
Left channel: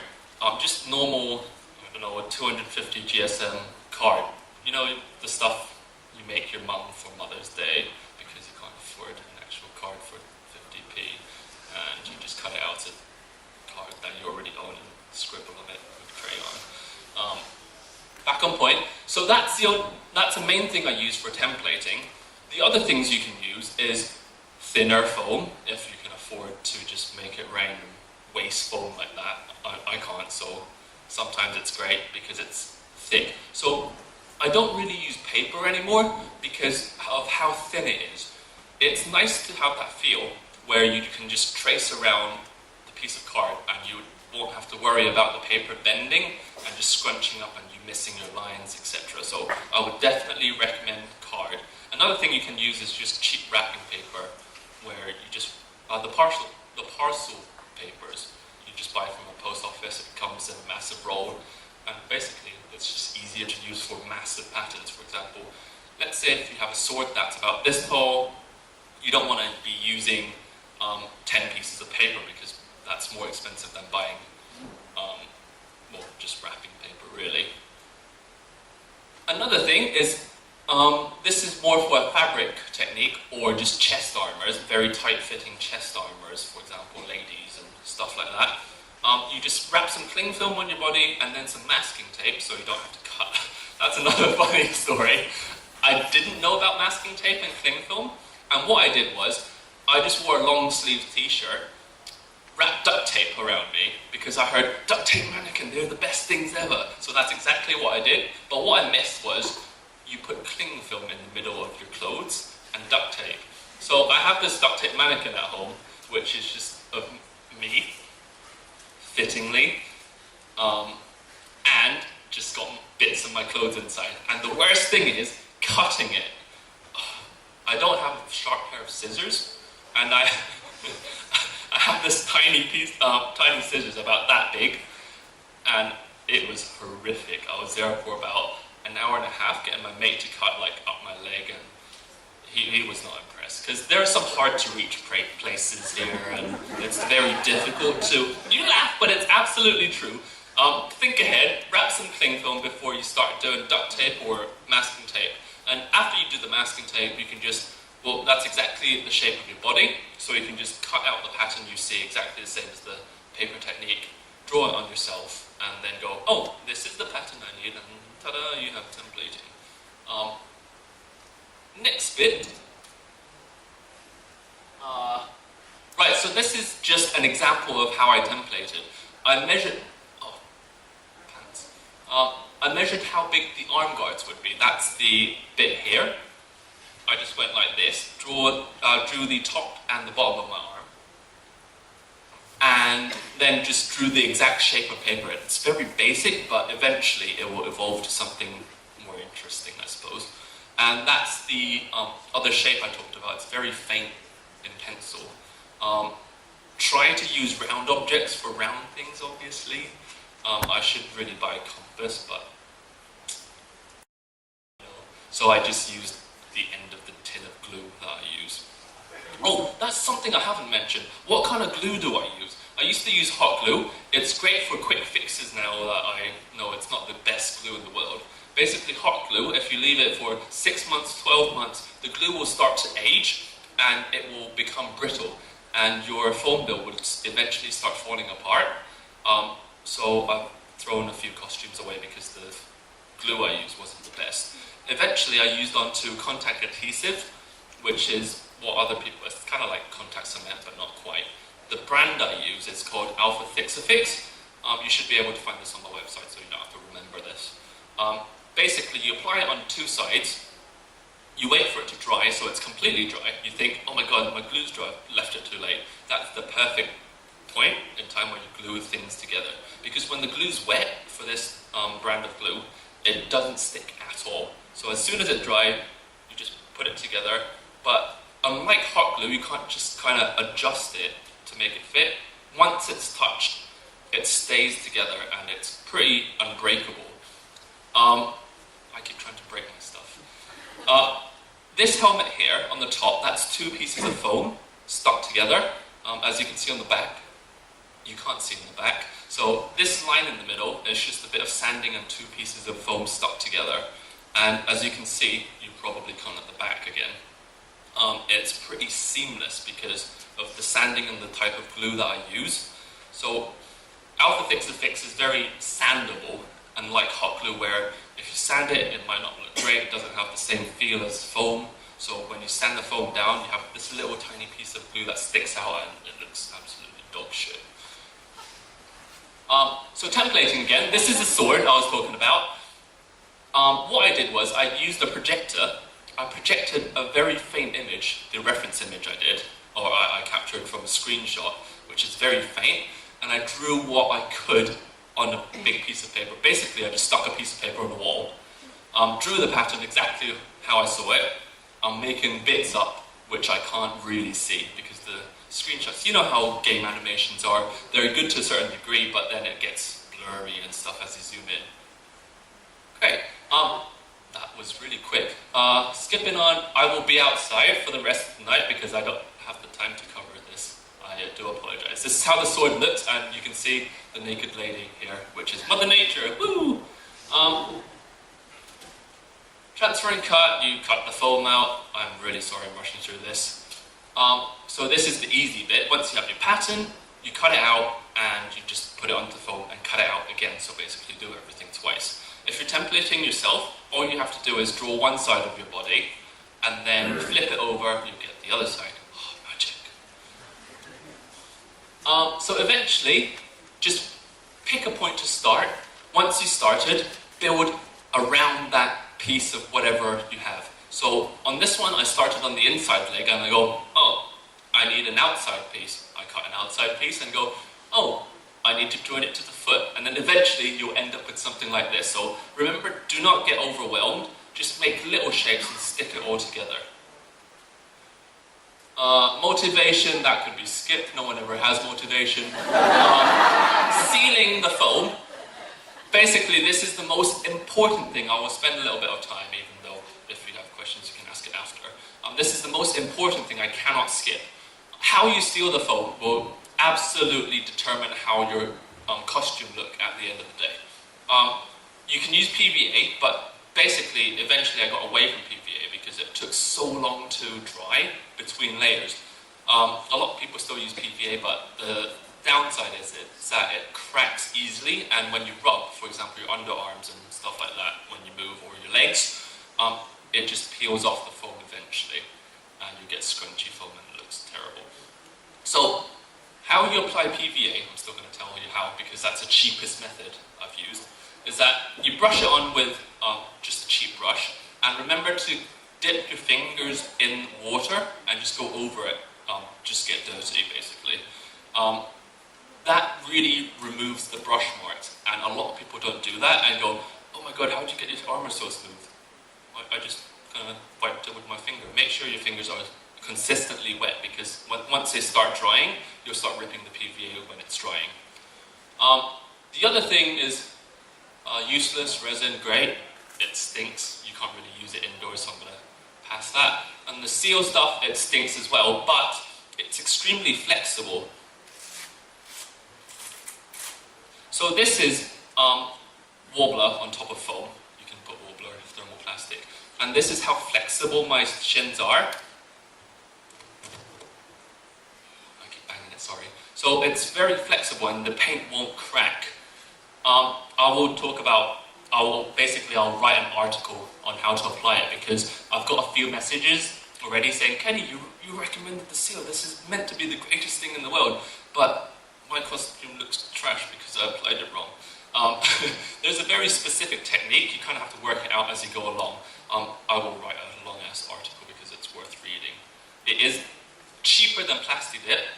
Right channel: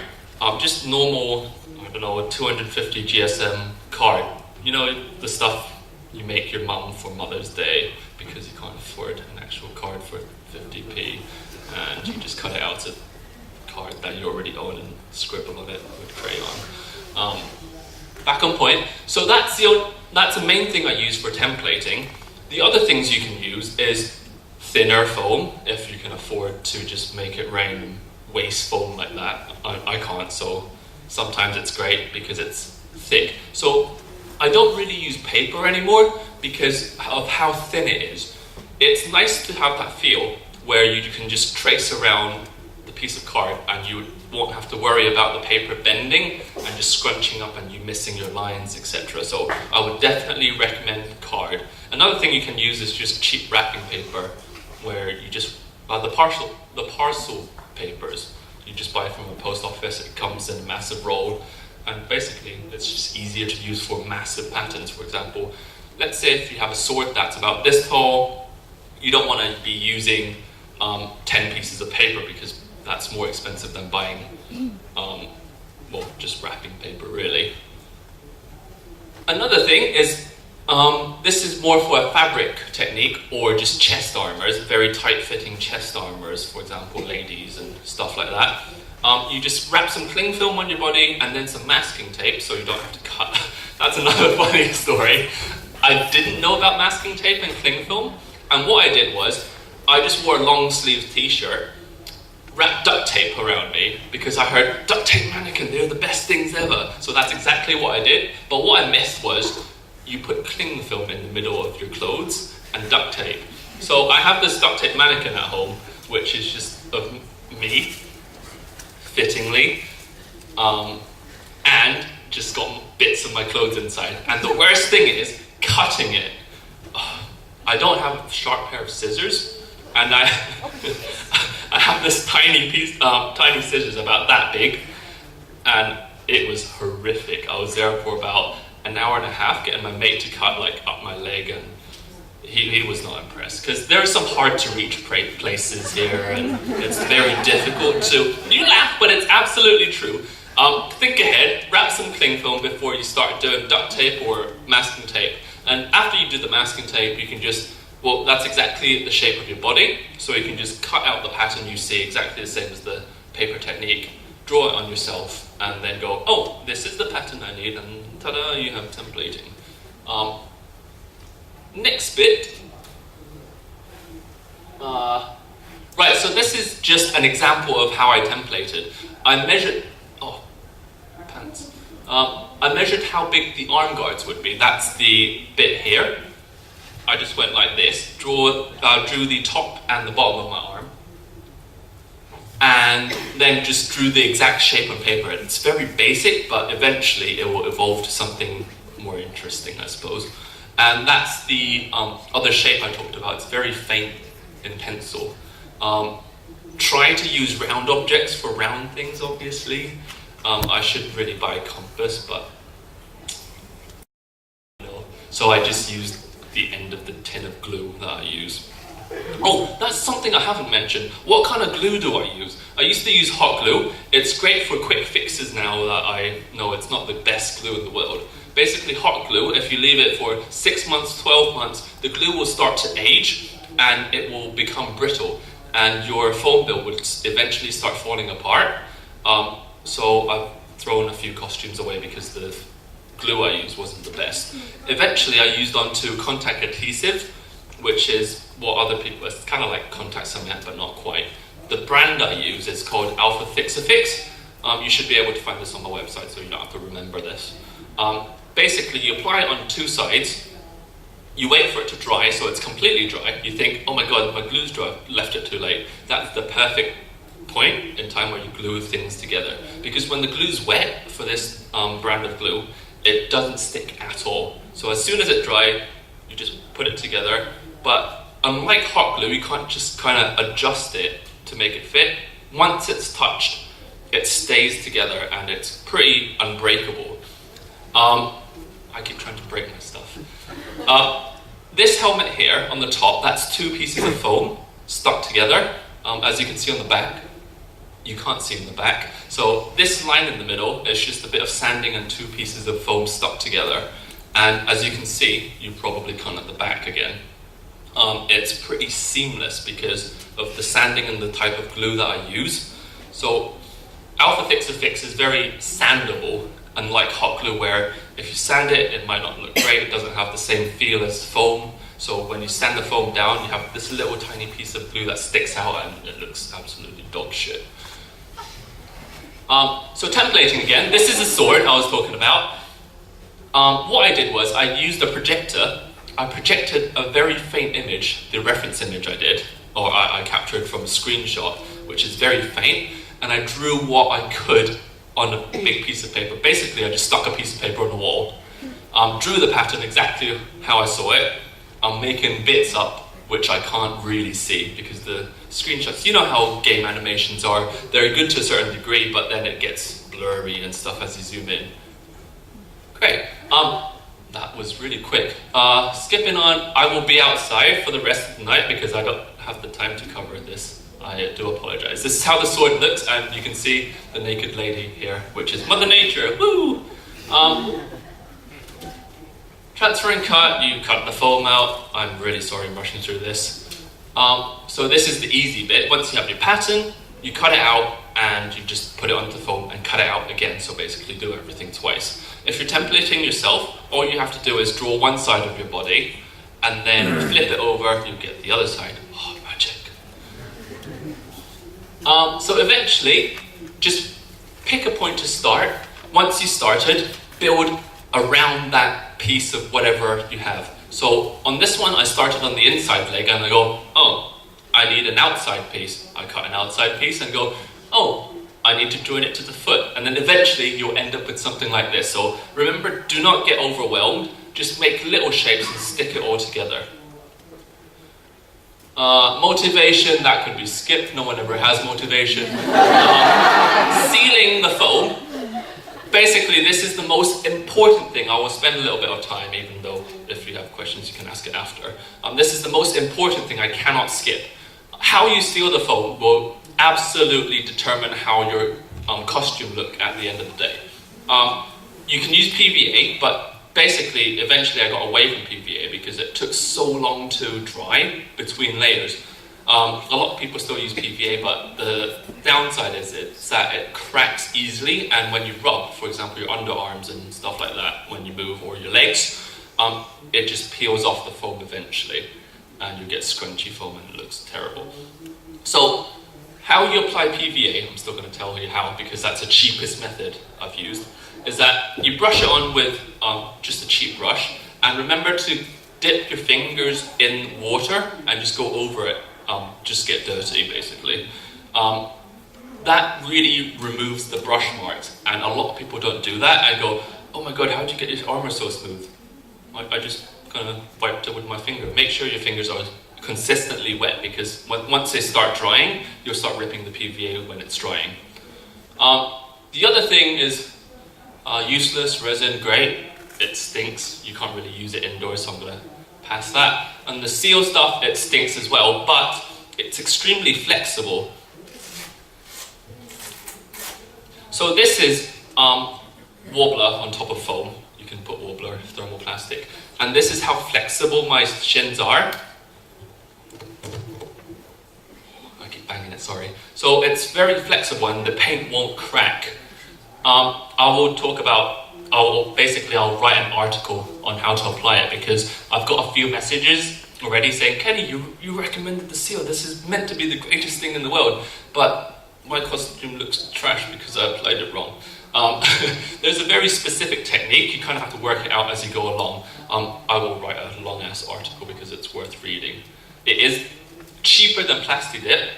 just normal, a 250 GSM card. You know, the stuff you make your mum for Mother's Day because you can't afford an actual card for 50p, and you just cut it out a card that you already own and scribble on it with crayon. Back on point. So that's the main thing I use for templating. The other things you can use is thinner foam, if you can afford to just make it rain and waste foam like that. I can't, so sometimes it's great because it's thick. So I don't really use paper anymore because of how thin it is. It's nice to have that feel where you can just trace around the piece of card, and you won't have to worry about the paper bending and just scrunching up and you missing your lines, etc. So I would definitely recommend card. Another thing you can use is just cheap wrapping paper, where you just the parcel papers. You just buy it from a post office. It comes in a massive roll, and basically it's just easier to use for massive patterns. For example, let's say if you have a sword that's about this tall, you don't want to be using 10 pieces of paper, because that's more expensive than buying just wrapping paper, really. Another thing is this is more for a fabric technique or just chest armors, very tight-fitting chest armors, for example, ladies and stuff like that. You just wrap some cling film on your body and then some masking tape so you don't have to cut. That's another funny story. I didn't know about masking tape and cling film, and what I did was I just wore a long-sleeved t-shirt, wrapped duct tape around me, because I heard duct tape mannequin, they're the best things ever. So that's exactly what I did. But what I missed was you put cling film in the middle of your clothes and duct tape. So I have this duct tape mannequin at home, which is just of me, fittingly, and just got bits of my clothes inside. And the worst thing is cutting it. I don't have a sharp pair of scissors, and I have this tiny scissors about that big, and it was horrific. I was there for about an hour and a half getting my mate to cut up my leg, and he was not impressed, because there are some hard to reach places here, and it's very difficult to, you laugh, but it's absolutely true. Think ahead, wrap some cling film before you start doing duct tape or masking tape. And after you do the masking tape, you can just, that's exactly the shape of your body, so you can just cut out the pattern you see, exactly the same as the paper technique, draw it on yourself, and then go, oh, this is the pattern I need, and ta-da, you have templating. Next bit. Right, so this is just an example of how I templated. I measured how big the arm guards would be. That's the bit here. I just went like this, drew the top and the bottom of my arm, and then just drew the exact shape of paper. It's very basic, but eventually it will evolve to something more interesting, I suppose. And that's the other shape I talked about. It's very faint in pencil. Try to use round objects for round things, obviously. I should really buy a compass, but so I just used the end of the tin of glue that I use. Oh, that's something I haven't mentioned. What kind of glue do I use? I used to use hot glue. It's great for quick fixes now that I know it's not the best glue in the world. Basically, hot glue, if you leave it for 6 months, 12 months, the glue will start to age and it will become brittle, and your foam build will eventually start falling apart. So I've thrown a few costumes away because the glue I used wasn't the best. Eventually I used onto contact adhesive, which is what other people, it's kind of like contact cement but not quite. The brand I use is called Alpha Fix-A-Fix. You should be able to find this on the website, so you don't have to remember this. Basically you apply it on two sides, you wait for it to dry so it's completely dry. You think, oh my god, my glue's dry, left it too late. That's the perfect point in time where you glue things together, because when the glue's wet for this brand of glue, it doesn't stick at all. So as soon as it dries, you just put it together. But unlike hot glue, you can't just kind of adjust it to make it fit. Once it's touched, it stays together and it's pretty unbreakable. I keep trying to break my stuff. This helmet here on the top, that's 2 pieces of foam stuck together. As you can see on the back, you can't see in the back. So this line in the middle is just a bit of sanding and 2 pieces of foam stuck together. And as you can see, you probably can't at the back again. It's pretty seamless because of the sanding and the type of glue that I use. So Alpha Fix-A-Fix is very sandable, unlike hot glue where if you sand it, it might not look great. It doesn't have the same feel as foam. So when you sand the foam down, you have this little tiny piece of glue that sticks out and it looks absolutely dog shit. So templating again, this is a sword I was talking about. What I did was I used a projector. I projected a very faint image, the reference image I did, or I captured from a screenshot, which is very faint, and I drew what I could on a big piece of paper. Basically, I just stuck a piece of paper on the wall, drew the pattern exactly how I saw it. I'm making bits up, which I can't really see because the screenshots, you know how game animations are, they're good to a certain degree, but then it gets blurry and stuff as you zoom in. Great. That was really quick. Skipping on, I will be outside for the rest of the night because I don't have the time to cover this. I do apologize. This is how the sword looks, and you can see the naked lady here, which is Mother Nature. Woo! Transfer and cut, you cut the foam out. I'm really sorry I'm rushing through this. So this is the easy bit. Once you have your pattern, you cut it out and you just put it onto the foam and cut it out again. So basically do everything twice. If you're templating yourself, all you have to do is draw one side of your body and then flip it over, you get the other side. Oh, magic. So eventually, just pick a point to start. Once you started, build around that piece of whatever you have. So on this one, I started on the inside leg and I go, oh, I need an outside piece. I cut an outside piece and go, oh, I need to join it to the foot. And then eventually you'll end up with something like this. So remember, do not get overwhelmed. Just make little shapes and stick it all together. Motivation, that could be skipped. No one ever has motivation. Sealing the foam. Basically, this is the most important thing. I will spend a little bit of time, even though if you have questions, you can ask it after. This is the most important thing I cannot skip. How you seal the foam will absolutely determine how your costume look at the end of the day. You can use PVA, but basically, eventually I got away from PVA because it took so long to dry between layers. A lot of people still use PVA, but the downside is that it cracks easily, and when you rub, for example, your underarms and stuff like that, when you move, or your legs, it just peels off the foam eventually, and you get scrunchy foam and it looks terrible. So, how you apply PVA, I'm still going to tell you how, because that's the cheapest method I've used, is that you brush it on with just a cheap brush, and remember to dip your fingers in water and just go over it. Just get dirty, basically. That really removes the brush marks, and a lot of people don't do that and go, oh my god, how did you get your armor so smooth? I just kind of wiped it with my finger. Make sure your fingers are consistently wet, because once they start drying, you'll start ripping the PVA when it's drying. The other thing is useless resin, great. It stinks. You can't really use it indoors, so I'm going to pass that. And the seal stuff, it stinks as well, but it's extremely flexible. So this is Wobbler on top of foam. You can put Wobbler thermoplastic. And this is how flexible my shins are. I keep banging it, sorry. So it's very flexible and the paint won't crack. I'll write an article on how to apply it, because I've got a few messages already saying, Kenny, you recommended the seal. This is meant to be the greatest thing in the world, but my costume looks trash because I applied it wrong. There's a very specific technique. You kind of have to work it out as you go along. I will write a long-ass article because it's worth reading. It is cheaper than Plasti Dip.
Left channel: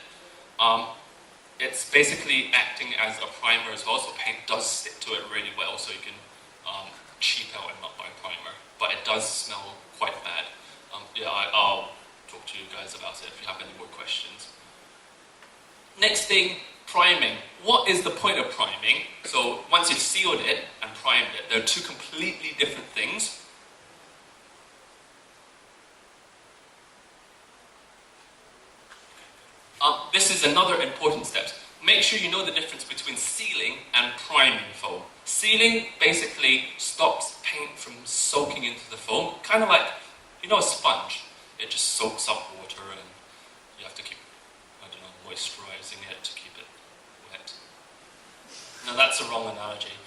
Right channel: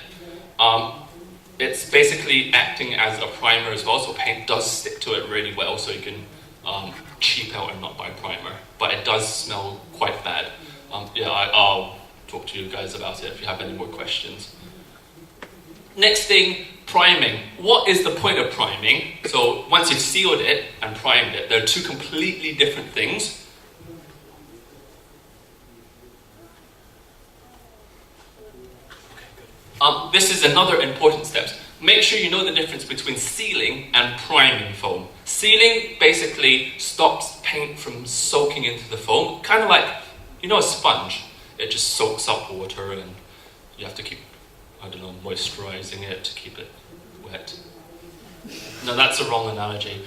It's basically acting as a primer as well, so paint does stick to it really well, so you can cheap out and not buy primer. But it does smell quite bad. I'll talk to you guys about it if you have any more questions. Next thing, priming. What is the point of priming? So once you've sealed it and primed it, they're two completely different things. This is another important step. Make sure you know the difference between sealing and priming foam. Sealing basically stops paint from soaking into the foam, kind of like, a sponge. It just soaks up water and you have to keep, moisturizing it to keep it wet. No, that's a wrong analogy.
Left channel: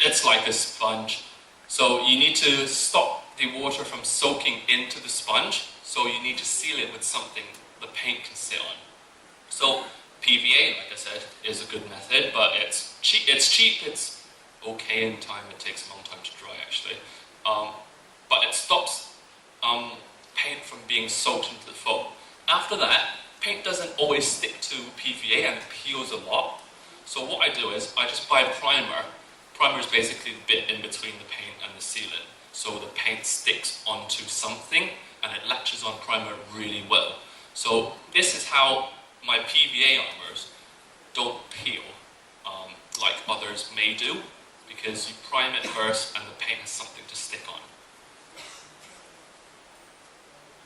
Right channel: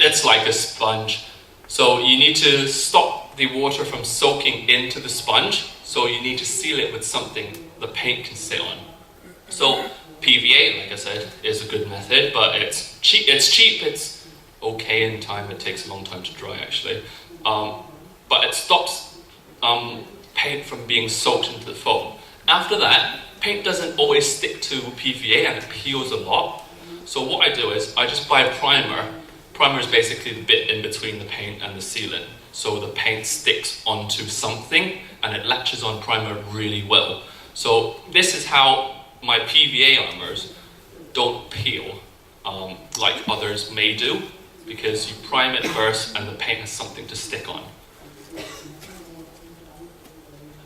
It's like a sponge. So you need to stop the water from soaking into the sponge, so you need to seal it with something the paint can sit on. So PVA, like I said, is a good method, but it's cheap, it's okay in time, it takes a long time to dry actually. But it stops paint from being soaked into the foam. After that, paint doesn't always stick to PVA and it peels a lot. So what I do is I just buy a primer. Primer is basically the bit in between the paint and the sealant. So the paint sticks onto something and it latches on primer really well. So this is how my PVA armors don't peel like others may do, because you prime it first and the paint has something to stick on.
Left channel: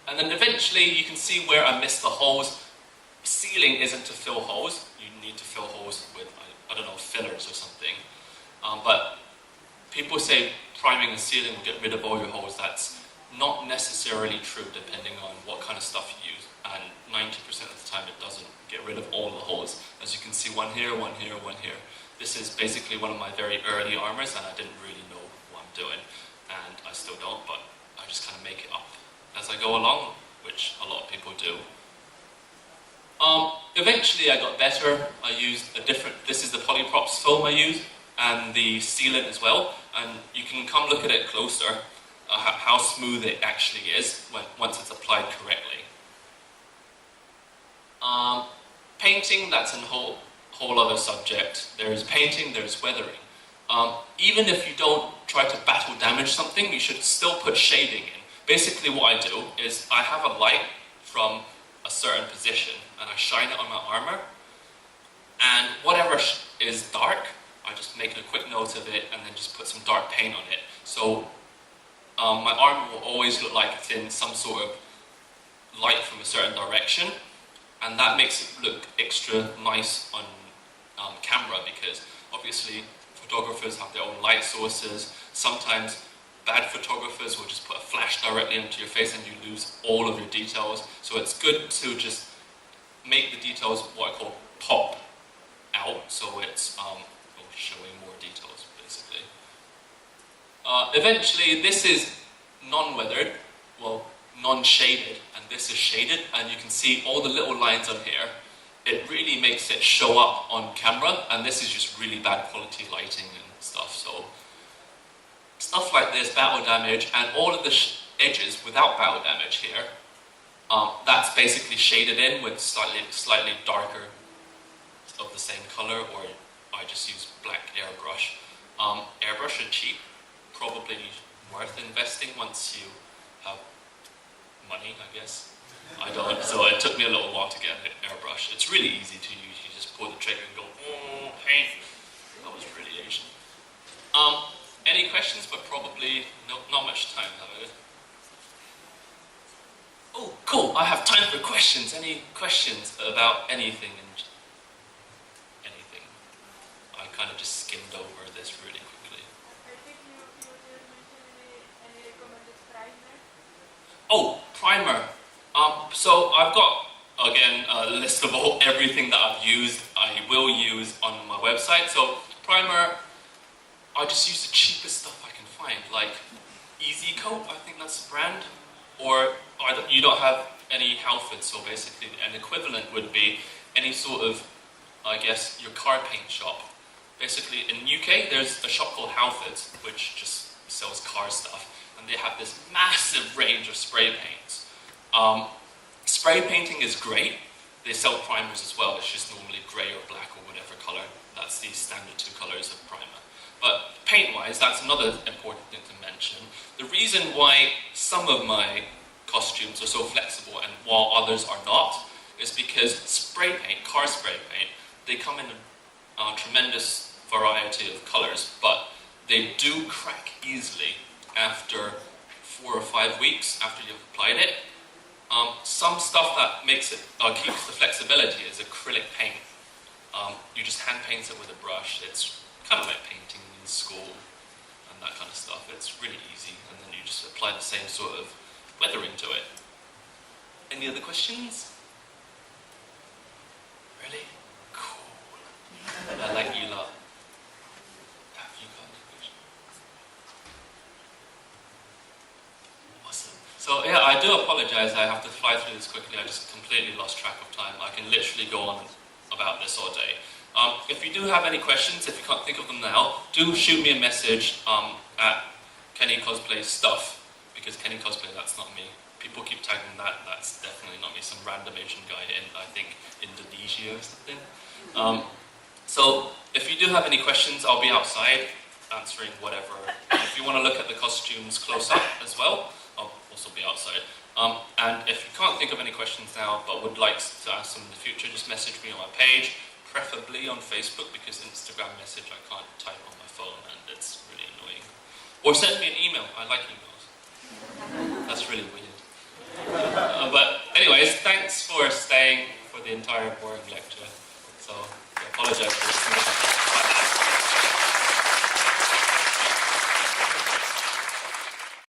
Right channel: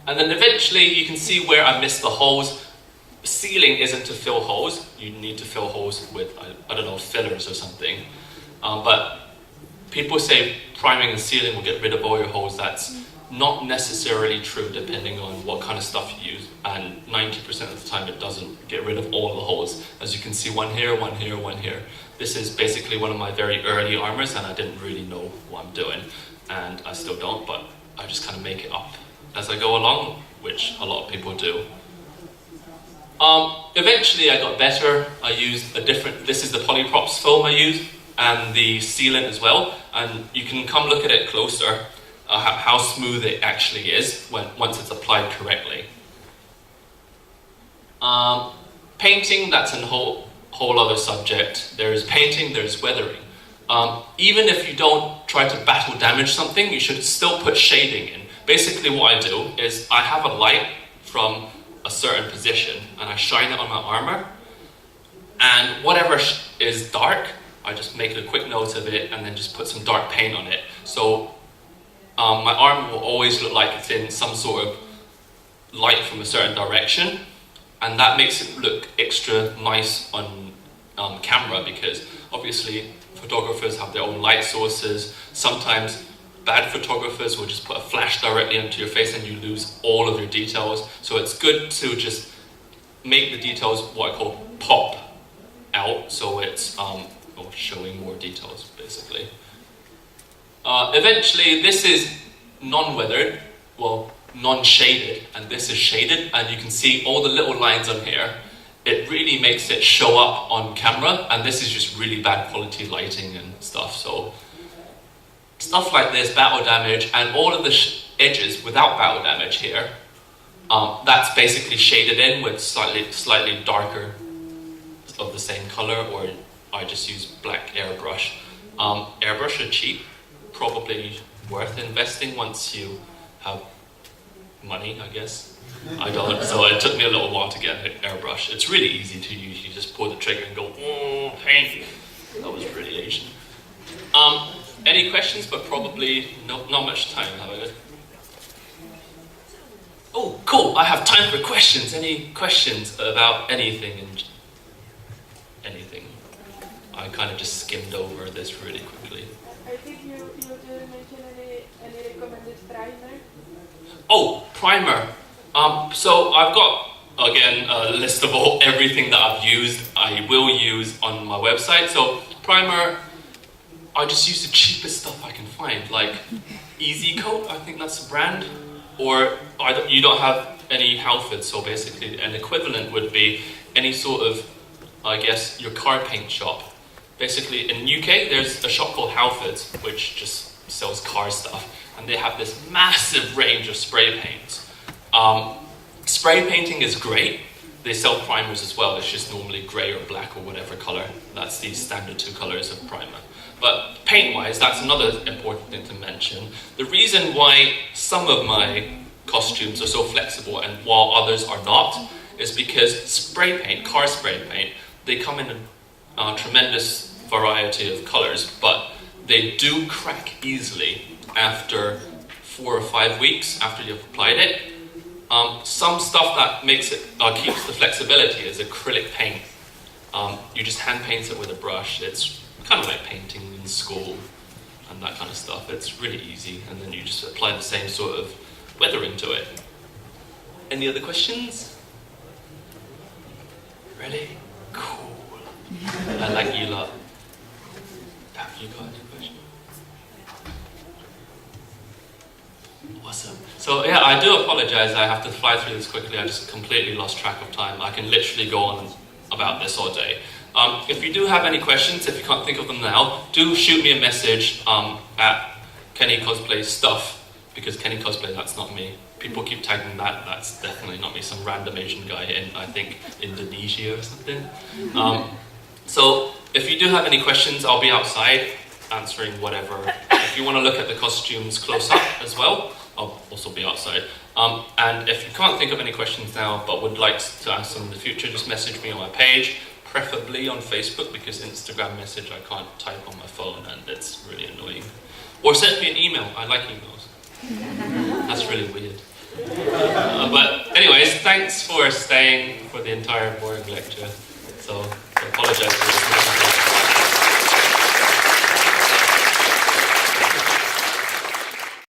And then eventually you can see where I missed the holes. Sealing isn't to fill holes. You need to fill holes with, I don't know, fillers or something. But people say priming and sealing will get rid of all your holes. That's not necessarily true depending on what kind of stuff you use. And 90% of the time it doesn't get rid of all the holes. As you can see, one here, one here, one here. This is basically one of my very early armors and I didn't really know what I'm doing. And I still don't, but I just kind of make it up as I go along, which a lot of people do. Eventually I got better. I used a different, this is the polyprops foam I used, and the sealant as well. And you can come look at it closer, how smooth it actually is once it's applied correctly. Painting, that's a whole other subject. There's painting, there's weathering. Even if you don't try to battle damage something, you should still put shading in. Basically what I do is I have a light from a certain position and I shine it on my armor, and whatever is dark, I just make a quick note of it and then just put some dark paint on it. So my armor will always look like it's in some sort of light from a certain direction, and that makes it look extra nice on camera, because obviously photographers have their own light sources. Sometimes bad photographers will just put a flash directly into your face and you lose all of your details. So it's good to just make the details what I call pop out, so it's showing more details basically. Eventually this is non-weathered, well, non-shaded, and this is shaded, and you can see all the little lines on here. It really makes it show up on camera, and this is just really bad quality lighting and stuff. So stuff like this, battle damage, and all of the edges without battle damage here, that's basically shaded in with slightly darker of the same color, or I just use black airbrush. Airbrush are cheap, probably worth investing once you have money, I guess. I don't, so it took me a little while to get an airbrush. It's really easy to use. You just pull the trigger and go, paint. That was really Asian. Any questions? But probably not much time, have I? Oh, cool. I have time for questions. Any questions about anything? Anything? I kind of just skimmed over this really quickly. I think you didn't mention any recommended primer. Oh, primer. So I've got, again, a list of everything that I've used, I will use on my website. So primer, I just use the cheapest stuff I can find, like Easy Coat, I think that's the brand, or you don't have any Halfords, so basically an equivalent would be any sort of, I guess, your car paint shop. Basically in UK there's a shop called Halfords, which just sells car stuff, and they have this massive range of spray paints. Spray painting is great. They sell primers as well. It's just normally grey or black or whatever color. That's the standard 2 colors of primer. But paint-wise, that's another important thing to mention. The reason why some of my costumes are so flexible and while others are not is because spray paint, car spray paint, they come in a tremendous variety of colors, but they do crack easily after 4 or 5 weeks after you've applied it. Some stuff that makes it keeps the flexibility is acrylic paint. You just hand paint it with a brush. It's kind of like painting in school and that kind of stuff. It's really easy, and then you just apply the same sort of weathering to it. Any other questions? Really? Cool. I like you lot. Have you got any questions? Awesome. So yeah, I do apologize. I have to fly through this quickly. I just completely lost track of time. I can literally go on about this all day. If you do have any questions, if you can't think of them now, do shoot me a message at Kenny Cosplay Stuff, because Kenny Cosplay, that's not me. people keep tagging that. That's definitely not me. Some random Asian guy in, I think, Indonesia or something. So if you do have any questions, I'll be outside answering whatever. If you want to look at the costumes close up as well, I'll also be outside. And if you can't think of any questions now, but would like to ask them in the future, just message me on my page, preferably on Facebook, because Instagram message I can't type on my phone and it's really annoying. Or send me an email. I like emails. That's really weird. But anyways, thanks for staying for the entire boring lecture. So I apologize for this.